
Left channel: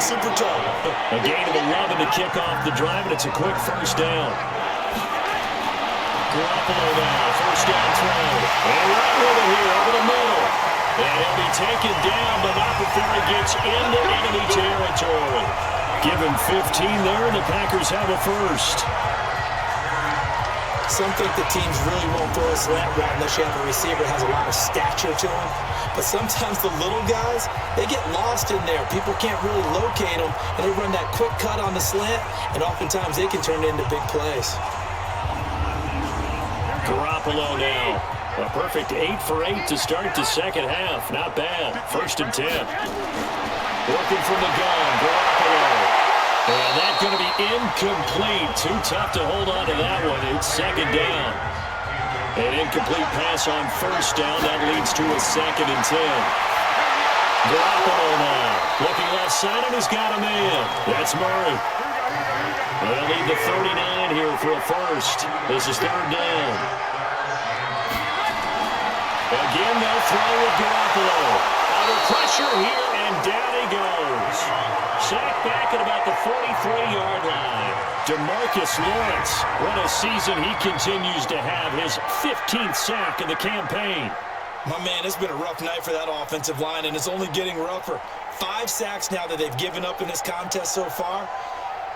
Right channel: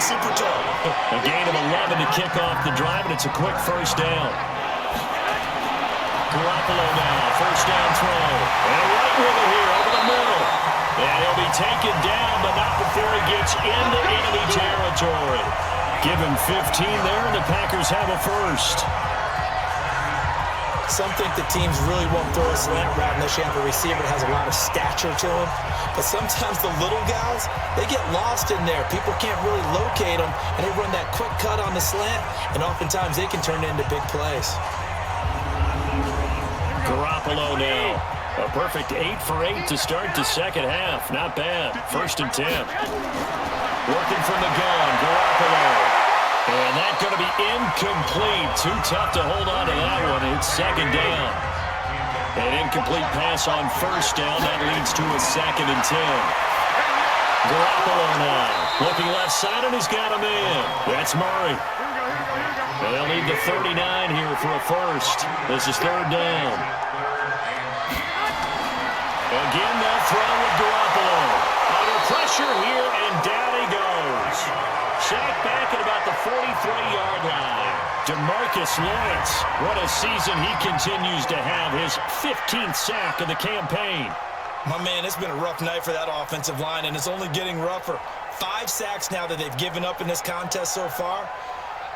Super tough. A gain of 11 to kick off the drive, and it's a quick first down. Garoppolo now, first down throw. And right with it here, over the middle. And he'll be taken down, but not before he gets into enemy territory. Give him 15 there, and the Packers have a first. Some think that teams really won't throw a slant route unless you have a receiver that has a lot of stature to him. But sometimes the little guys, they get lost in there. People can't really locate them, and they run that quick cut on the slant, and oftentimes they can turn it into big plays. Garoppolo now. A perfect 8 for 8 to start the second half. Not bad. 1st and 10. Working from the gun, Garoppolo. And that's going to be incomplete. Too tough to hold on to that one. It's second down. An incomplete pass on first down. That leads to a 2nd and 10. Garoppolo now. Looking left side, and he's got a man. That's Murray. They'll need the 39 here for a first. This is 3rd down. Again, they'll throw with Garoppolo. Under pressure here, and down he goes. Sacked back at about the 43-yard line. DeMarcus Lawrence, what a season he continues to have. His 15th sack of the campaign. My man, it's been a rough night for that offensive line, and it's only getting rougher. 5 sacks now that they've given up in this contest so far.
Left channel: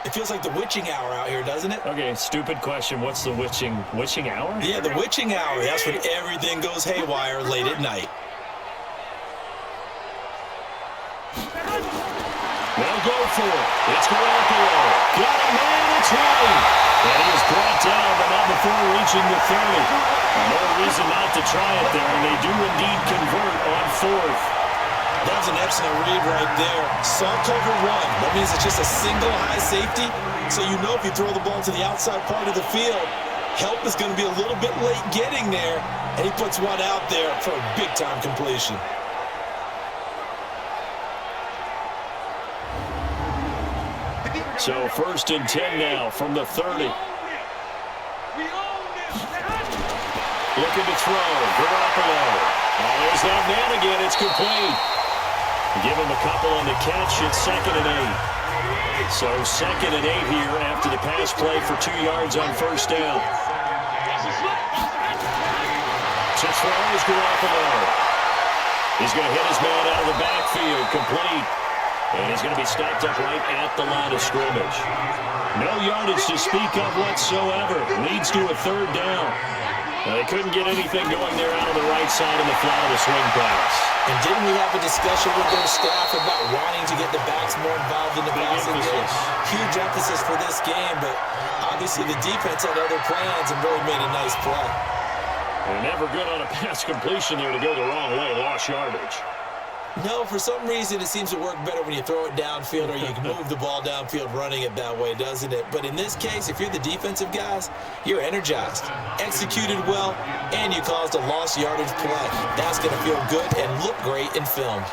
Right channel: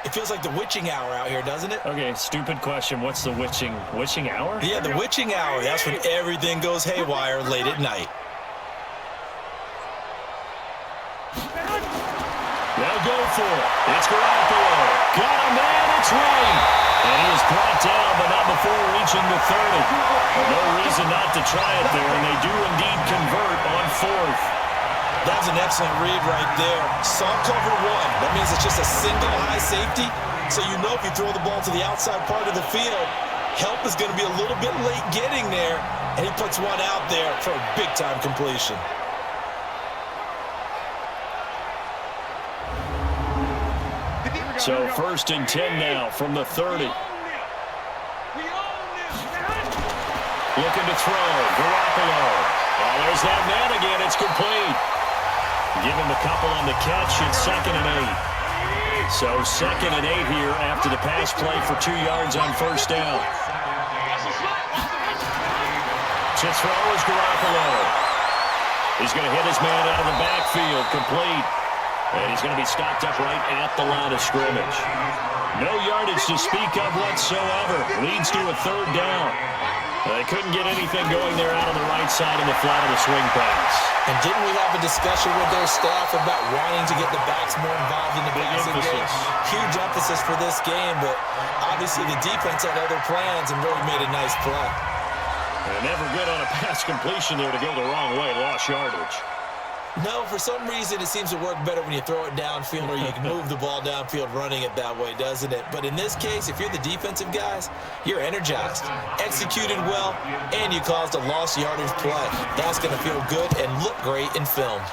It feels like the witching hour out here, doesn't it? Okay, stupid question. What's the witching hour? Yeah, the witching hour. That's when everything goes haywire late at night. They'll go for it. It's Garoppolo. Got a man. It's right. And he is brought down, but not before reaching the 30. No reason not to try it there, and they do indeed convert on 4th. That's an excellent read right there. Saw cover 1. That means it's just a single high safety. So you know if you throw the ball to the outside part of the field, help is going to be a little bit late getting there. And he puts one out there for a big-time completion. So 1st and 10 now from the 30. Looking to throw. Garoppolo. Oh, there's that man again. It's complete. Give him a couple on the catch. It's 2nd and 8. So 2nd and 8 here after the pass play for 2 yards on 1st down. To throw is Garoppolo. He's going to hit his man out of the backfield. Complete. And he's going to be stopped up right at the line of scrimmage. No yardage to speak of whatsoever. Leads to a 3rd down. They couldn't get anything going there out on the right side in the flat of the swing pass. And didn't we have a discussion with their staff about wanting to get the backs more involved in the passing game? Huge emphasis for this game, but obviously the defense had other plans and really made a nice play. And never good on a pass completion there to go the wrong way. Lost yardage. No, for some reason it seems to work better when you throw it downfield or you can move the ball downfield running it that way, doesn't it? But in this case, if you're the defensive guys, you're energized, executed well, and you caused a lost yardage play. That's going to feel good and look great in film.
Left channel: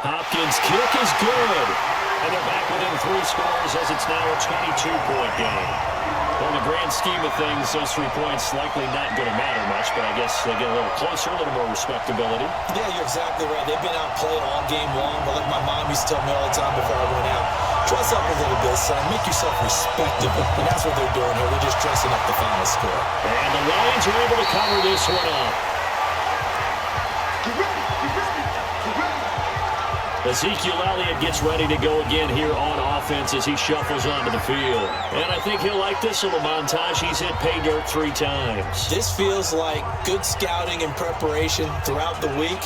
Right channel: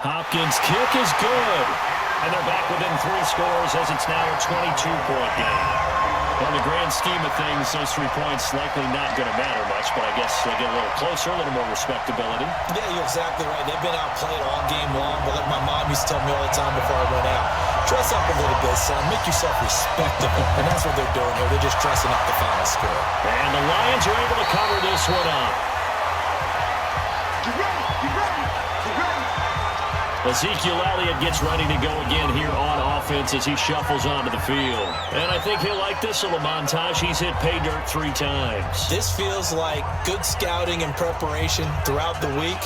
Hopkins' kick is good. And they're back within 3 scores as it's now a 22-point game. Well, in the grand scheme of things, those 3 points likely not going to matter much, but I guess they get a little closer, a little more respectability. Yeah, you're exactly right. They've been outplayed all game long, but like my mom used to tell me all the time before I went out, dress up a little bit, son. Make yourself respectable. And that's what they're doing here. They're just dressing up the final score. And the Lions are able to cover this one up. Get ready, get ready, get ready. Ezekiel Elliott gets ready to go again here on offense as he shuffles onto the field. And I think he'll like this little montage. He's hit pay dirt 3 times. This feels like good scouting and preparation throughout the week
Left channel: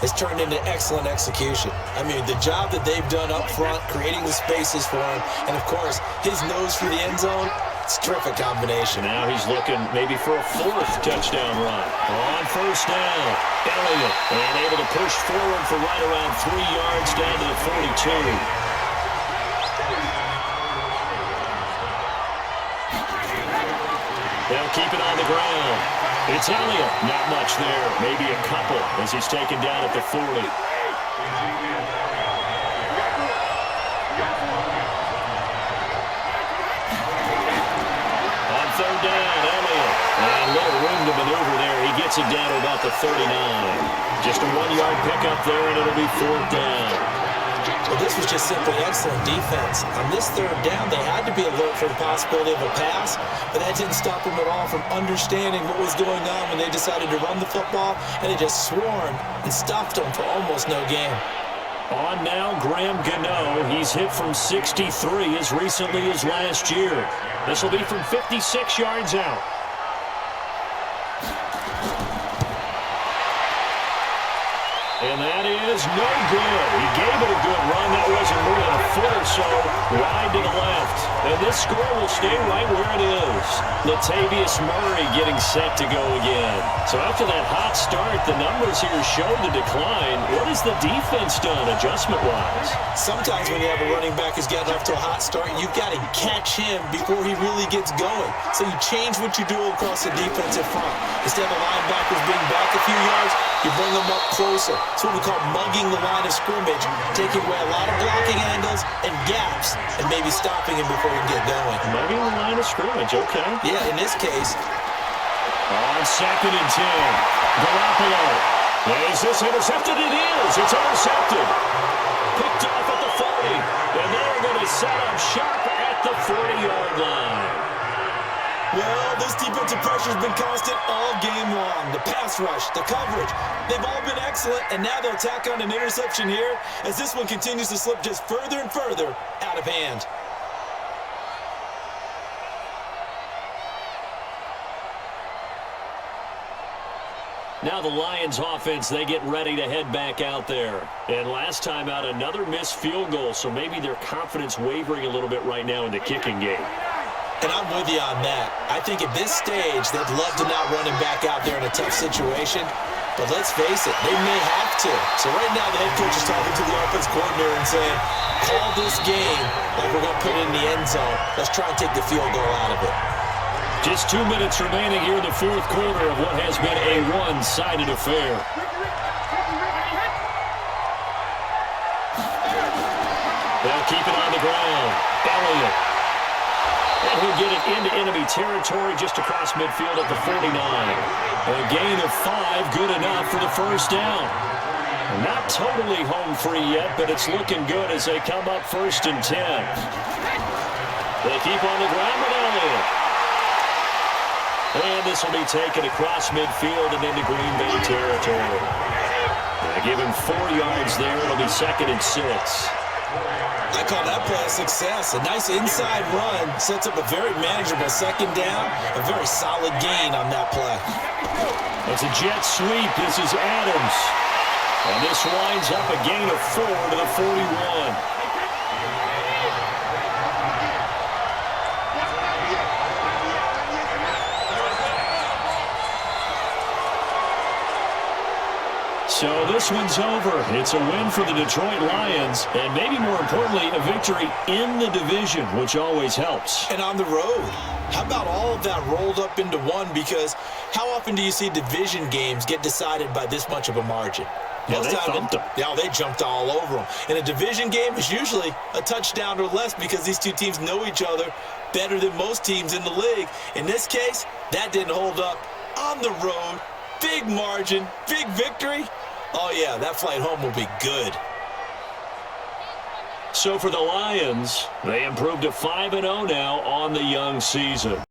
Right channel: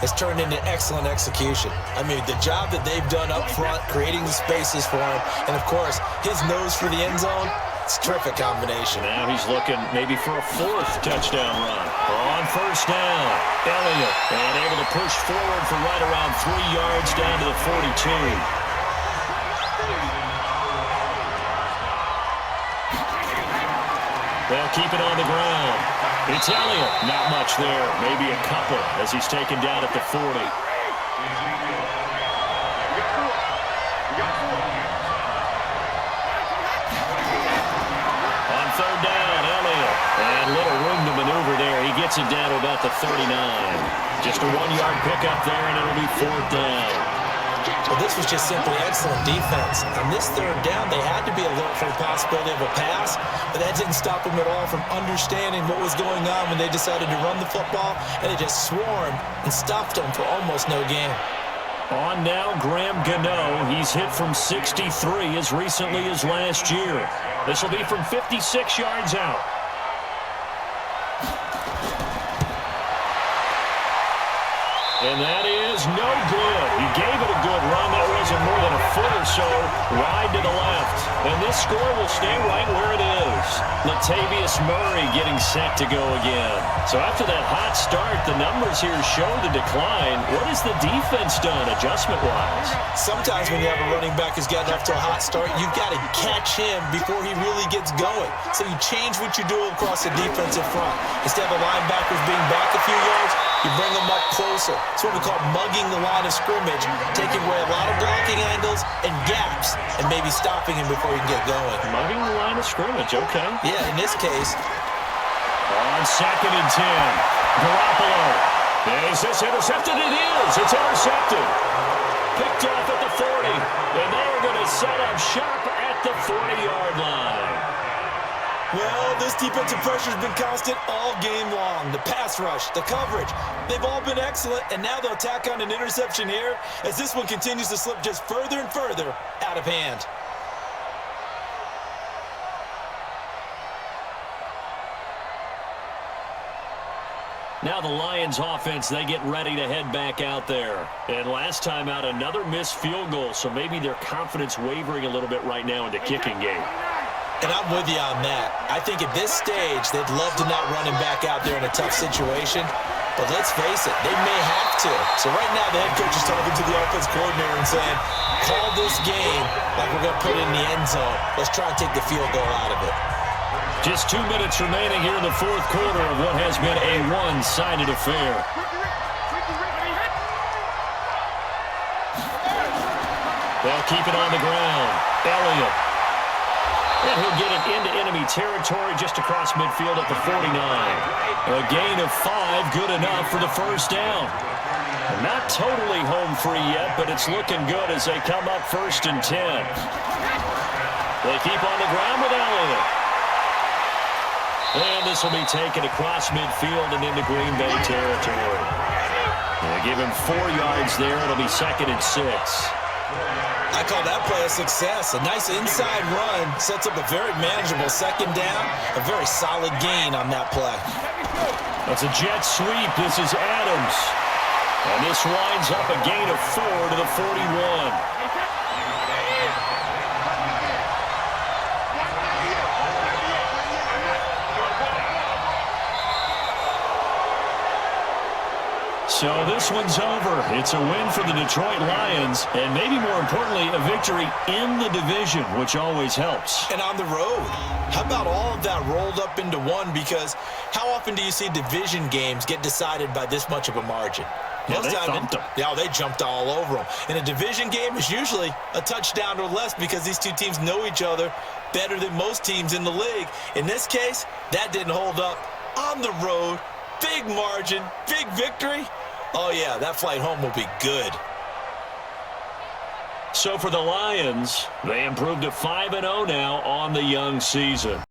has turned into excellent execution. I mean, the job that they've done up front, creating the spaces for him, and, of course, his nose for the end zone, it's a terrific combination. Now he's looking maybe for a 4th touchdown run. On 1st down, Elliott, and able to push forward for right around 3 yards down to the 42. They'll keep it on the ground. It's Elliott. Not much there. Maybe a couple as he's taken down at the 40. On 3rd down, Elliott. And little room to maneuver there. He gets it down to about the 39. Just a 1-yard pickup there, and it'll be 4th down. Well, this was just simply excellent defense. On this 3rd down, they had to be alert for the possibility of a pass, but that didn't stop them at all from understanding what was going on when they decided to run the football, and they just swarmed and stuffed them for almost no gain. On now, Graham Gano. He's hit from 63 as recently as last year. This will be from 56 yards out. And that is no good. He gave it a good run. That wasn't more than a foot or so wide to the left. And this score will stay right where it is. Latavius Murray getting set to go again. So after that hot start, the numbers here show the decline. What has the defense done adjustment-wise? Sometimes when you have a running back who's gotten off to a hot start, you've got to catch him before he really gets going. So you change what you do across the defensive front. Instead of the linebackers being back a few yards, you bring them up closer. It's what we call mugging the line of scrimmage, taking away a lot of blocking angles and gaps, and maybe stopping him before he can get going. Mugging the line of scrimmage, okay. Yeah, in this case. On 2nd and 10, Garoppolo. Is this intercepted? It is. It's intercepted. Picked off at the 40, and they're going to set up sharp at the 40-yard line. Well, this defensive pressure has been constant all game long. The pass rush, the coverage, they've all been excellent, and now they'll tack on an interception here as this one continues to slip just further and further out of hand. Now the Lions offense, they get ready to head back out there. And last time out, another missed field goal, so maybe their confidence wavering a little bit right now in the kicking game. And I'm with you on that. I think at this stage, they'd love to not run him back out there in a tough situation. But let's face it, they may have to. So right now, the head coach is talking to the offense coordinator and saying, call this game like we're going to put it in the end zone. Let's try and take the field goal out of it. Just 2 minutes remaining here in the fourth quarter of what has been a one-sided affair. They'll keep it on the ground. Elliott. And he'll get it into enemy territory just across midfield at the 49. A gain of 5, good enough for the first down. Not totally home free yet, but it's looking good as they come up 1st and 10. They keep on the ground with Elliott. And this will be taken across midfield and into Green Bay territory. Give him 4 yards there. It'll be 2nd and 6. I call that play a success. A nice inside run sets up a very manageable 2nd down. A very solid gain on that play. That's a jet sweep. This is Adams. And this winds up a gain of 4 to the 41. So this one's over. It's a win for the Detroit Lions, and maybe more importantly, a victory in the division, which always helps. And on the road. How about all of that rolled up into one? Because how often do you see division games get decided by this much of a margin? Yeah, they thumped them. Yeah, they jumped all over them. And a division game is usually a touchdown or less because these two teams know each other better than most teams in the league. In this case, that didn't hold up. On the road, big margin, big victory. Oh, yeah, that flight home will be good. So for the Lions, they improved to 5-0 now on the young season.